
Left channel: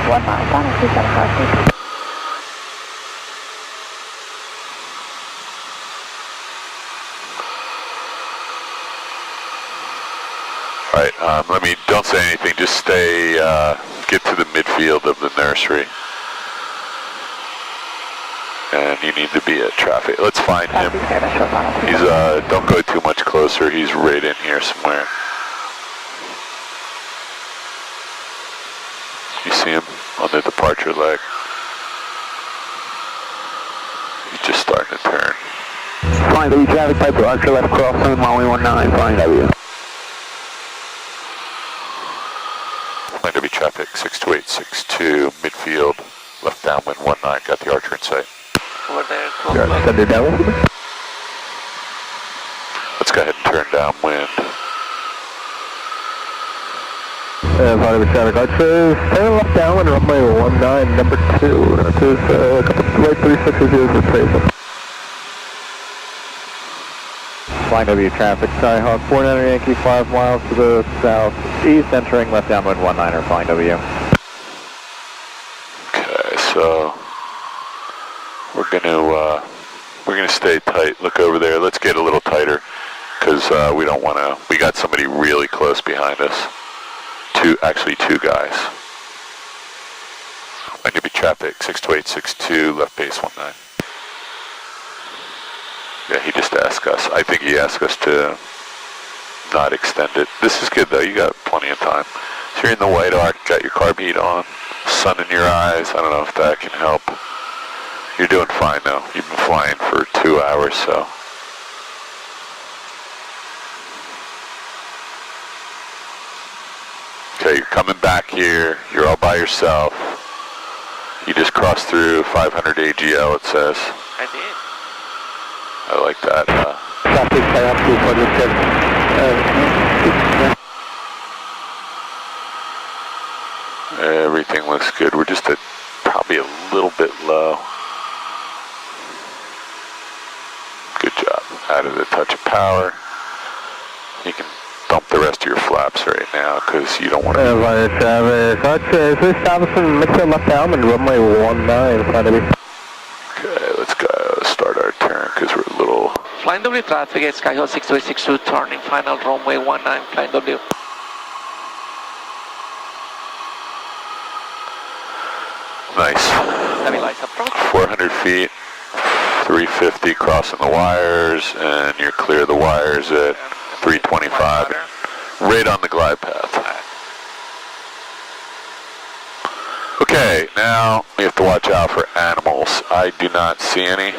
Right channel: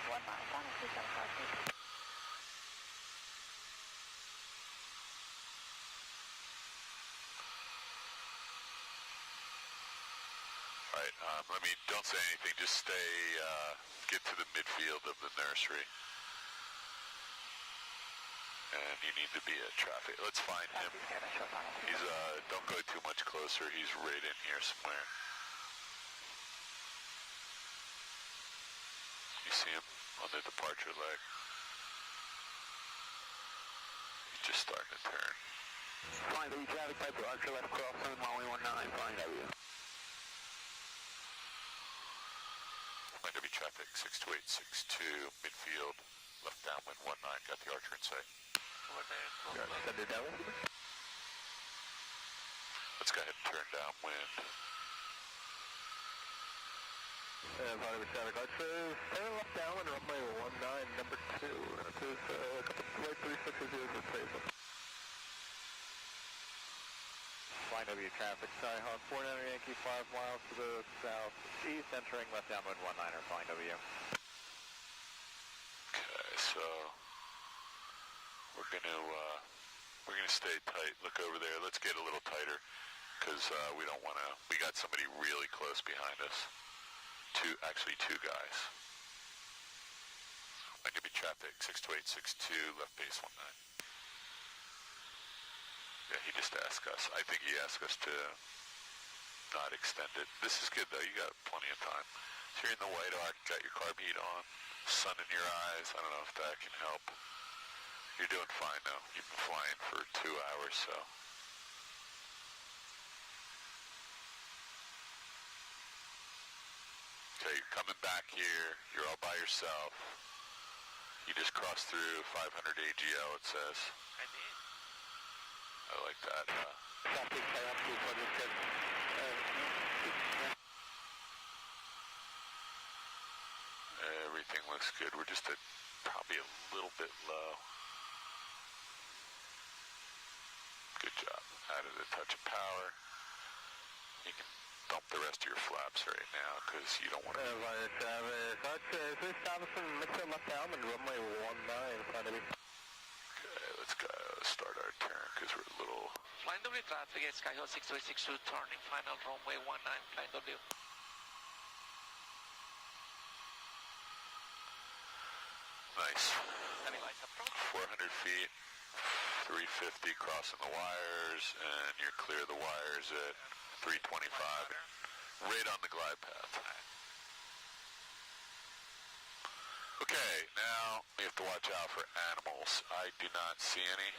1 mile, 127 crossing. Alright, don't say anything, just stay, get to the midfield of the nursery. And you need to be at traffic. Let's find him. He's, don't go too much closer. He's right in here somewhere. You see him on the departure leg? He's just starting to turn. Flying W traffic, Piper Archer, left crossing, runway 19, flying W. Flying W traffic, 62862, midfield, left downwind 19, got the Archer in sight. Over there, Send it down. Let's go ahead and turn downwind. Pilot traffic Archer, turn left downwind, runway 19, number 2. That is, right 3600 for appraisal. Flying W traffic, Skyhawk 49 Yankee, 5 miles to the southeast, entering left downwind 19er, flying W. Okay, so we're gonna stay tight. Look over there. Let's get a little tighter because we don't want to. We got somebody really close behind us. Actually two guys. I'm gonna be traffic 62862, left base 19. Yeah, he just asked us. I think he asked us to not extend it. This is good though. You got plenty of time. So you're in the white arc. Got your carb heat on. Sun in your eyes. I don't know if that can help. You're doing fine though. You've been flying for 2 hours, so. Okay, you're coming back here. You're all by yourself. You just crossed through 500 AGL, it says. I did. I like that. Traffic, Everything looks good. We're just at probably a little bit low. Good job. Added a touch of power. You can dump the rest of your flaps right now because you don't want to. Traffic Archer, is establishing midfield left downwind, runway 19, in front of you. Okay, let's go start our turn because we're a little. Flying W traffic at Skyhawk 6262, turning final runway 19, flying W. Nice. Stabilize approach. 400 feet, 350 crossing the wires, and you're clear of the wires at 325. Right on the glide path. Okay, now we have to watch out for animals. I do not see any.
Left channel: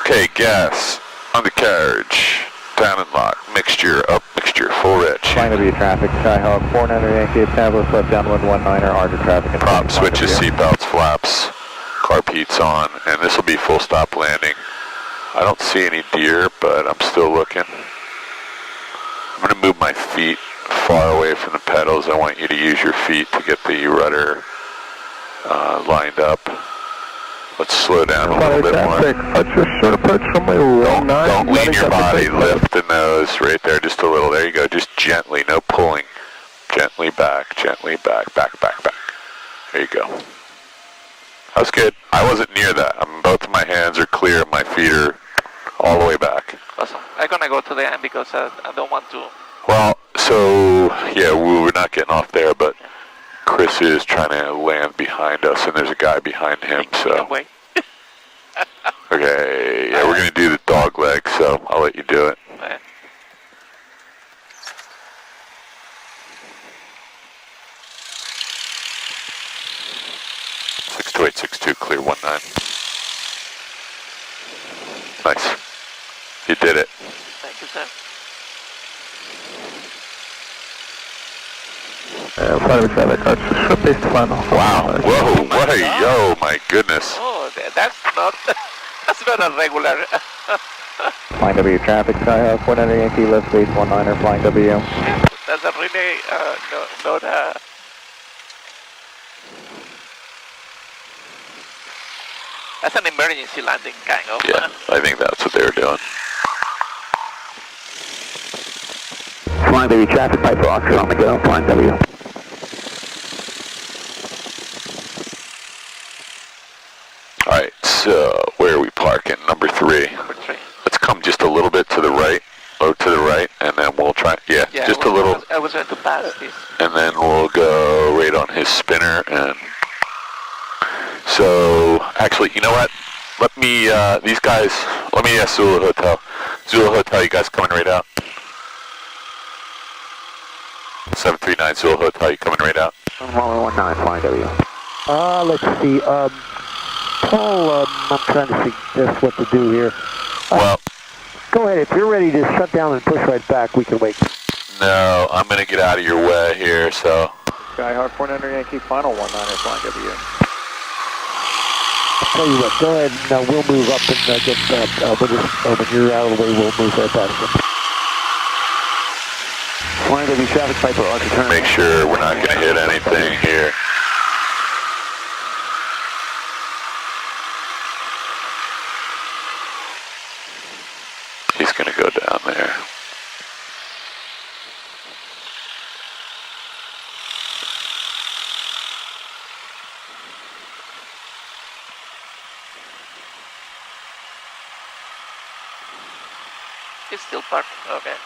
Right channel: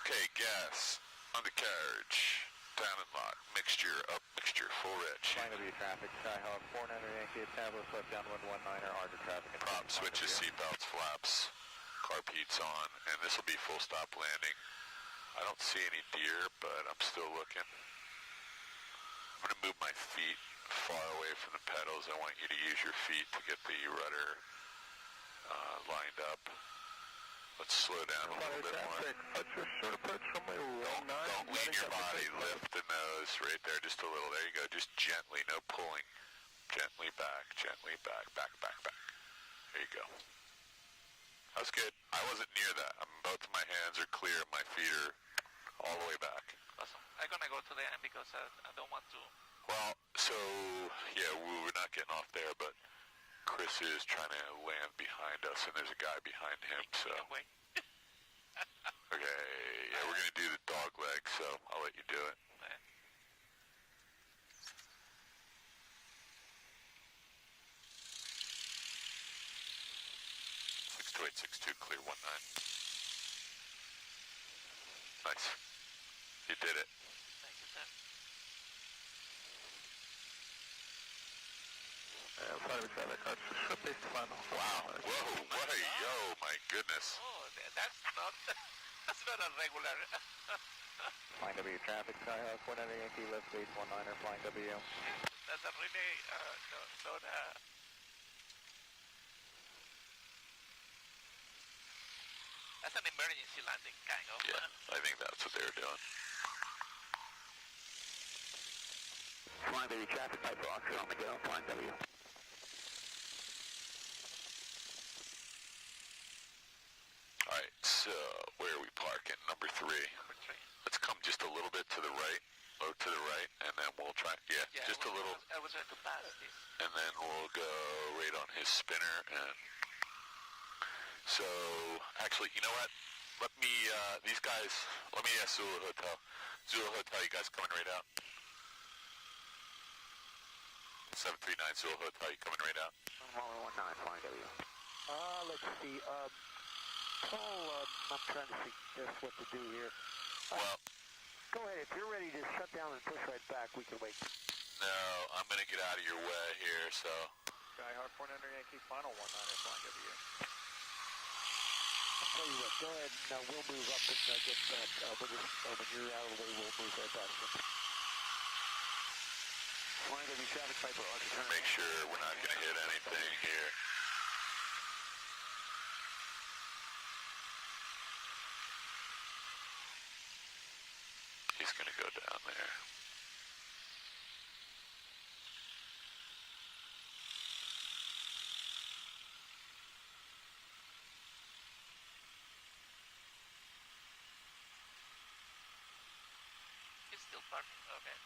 Okay, gas, undercarriage, down and lock, mixture, up mixture, full rich. Flying W traffic, Skyhawk 49 Yankee, established left downwind 19er, Archer traffic. Prop switches, seatbelts, flaps, carb heat's on, and this will be full stop landing. I don't see any deer, but I'm still looking. I'm going to move my feet far away from the pedals. I want you to use your feet to get the rudder lined up. Let's slow down a little bit more. Archer, short approach, runway 19. Don't lean your body, lift the nose. goes, right there, just a little. There you go, just gently, no pulling. Gently back, back, back. There you go. That was good. I wasn't near that. Both of my hands are clear, my feet are all the way back. Awesome. I'm gonna go to the end because I don't want to. Well, so, yeah, we're not getting off there, but Chris is trying to land behind us, and there's a guy behind him, so. Okay, yeah, we're going to do the dog leg, so I'll let you do it. Yeah. 62862, clear 19. Nice. You did it. Thank you, sir. Wow. Whoa, what a yo, my goodness. Oh, that's not a regular. Flying W traffic, Skyhawk 100 Yankee, left base 19er, flying W. That's a really, not a... That's an emergency landing, kind of. Yeah, I think that's what they were doing. Flying W traffic, Piper Oscar on the go, flying W. Alright, so where are we parking? Number 3. Number 3. Let's come just a little bit to the right, to the right, and then we'll try, just a little. I was going to pass this. And then we'll go right on his spinner, and so, actually, you know what? Let me, these guys, let me ask Zulu Hotel. Zulu Hotel, you guys coming right out? 739 Zulu Hotel, you coming right out? 1119, flying W. Let's see, Paul, I'm trying to suggest what to do here. Well, go ahead, if you're ready to shut down and push right back, we can wait. no, I'm going to get out of your way here, so. Skyhawk 400 Yankee, final 19er, flying W. I'll tell you what, go ahead and we'll move up and get, when you're out of the way, we'll move right past you. Flying W traffic, Piper, Archer turn. Make sure we're not going to hit anything here. He's going to go down there. It's still parked. Okay.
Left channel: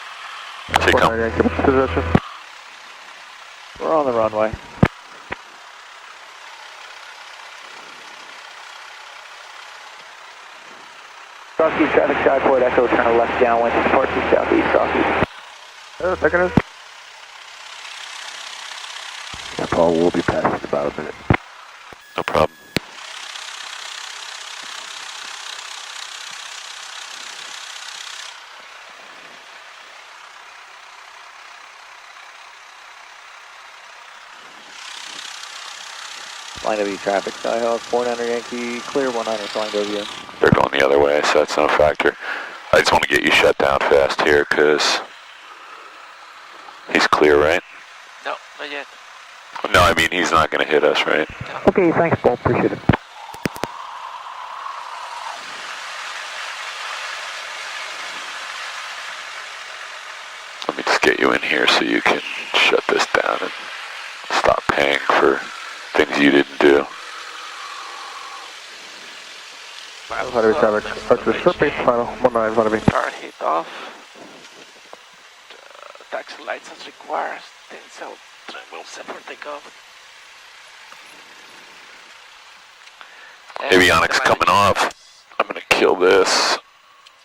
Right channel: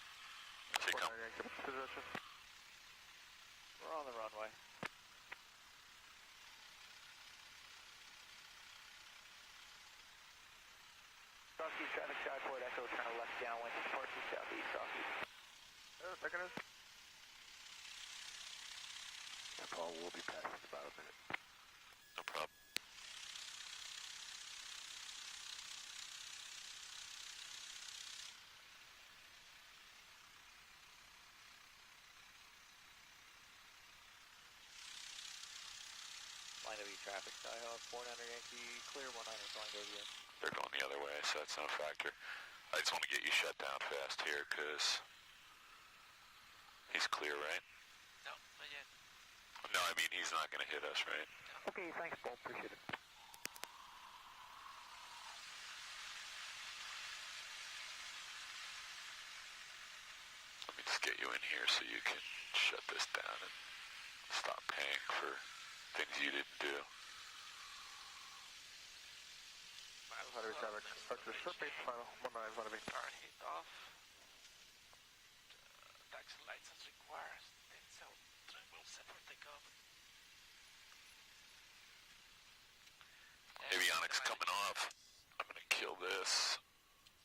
Take him. We're on the runway. Southeast traffic, Skyport, Echo, turn left downwind, departure southeast, southeast. Second is. Yeah, Paul, we'll be passing in about a minute. No problem. Flying W traffic, Skyhawk 400 Yankee, clear 19er, flying W. They're going the other way, so that's no factor. I just want to get you shut down fast here, because he's clear, right? No, not yet. No, I mean, he's not going to hit us, right? Okay, thanks, Paul, appreciate it. Let me just get you in here so you can shut this down and stop paying for things you didn't do. 500 traffic, Archer surface, final 19, flying W. Car hit off. Taxi license requires 10 cell will separate takeoff. Avionics coming off. I'm going to kill this.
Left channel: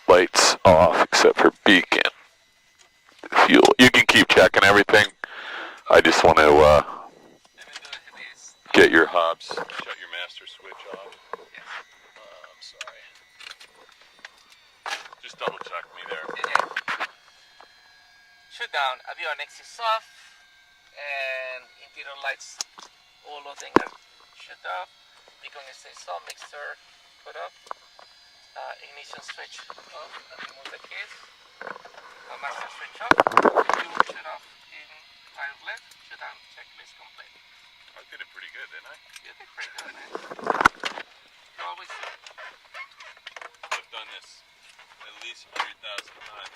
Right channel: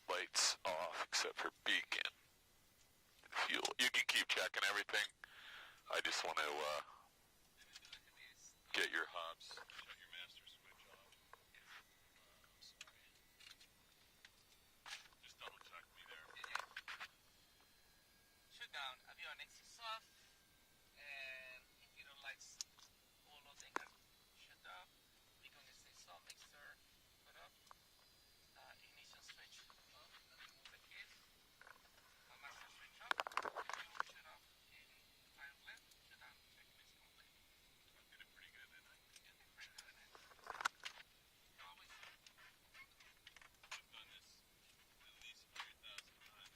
Lights off except for beacon. Fuel. You can keep checking everything. I just want to get your hubs. Shut your master switch off. I'm sorry. Just double check me there. Shut down. Avionics is off. And interior lights, all of them are shut off. Beacon is on, mixer put up. Ignition switch off. Remove the keys. Master switch off. You shut off in 5 left. Shut down. Checklist complete. I did it pretty good, didn't I? You did pretty good, man. You always. I've done this at least 100,000 times.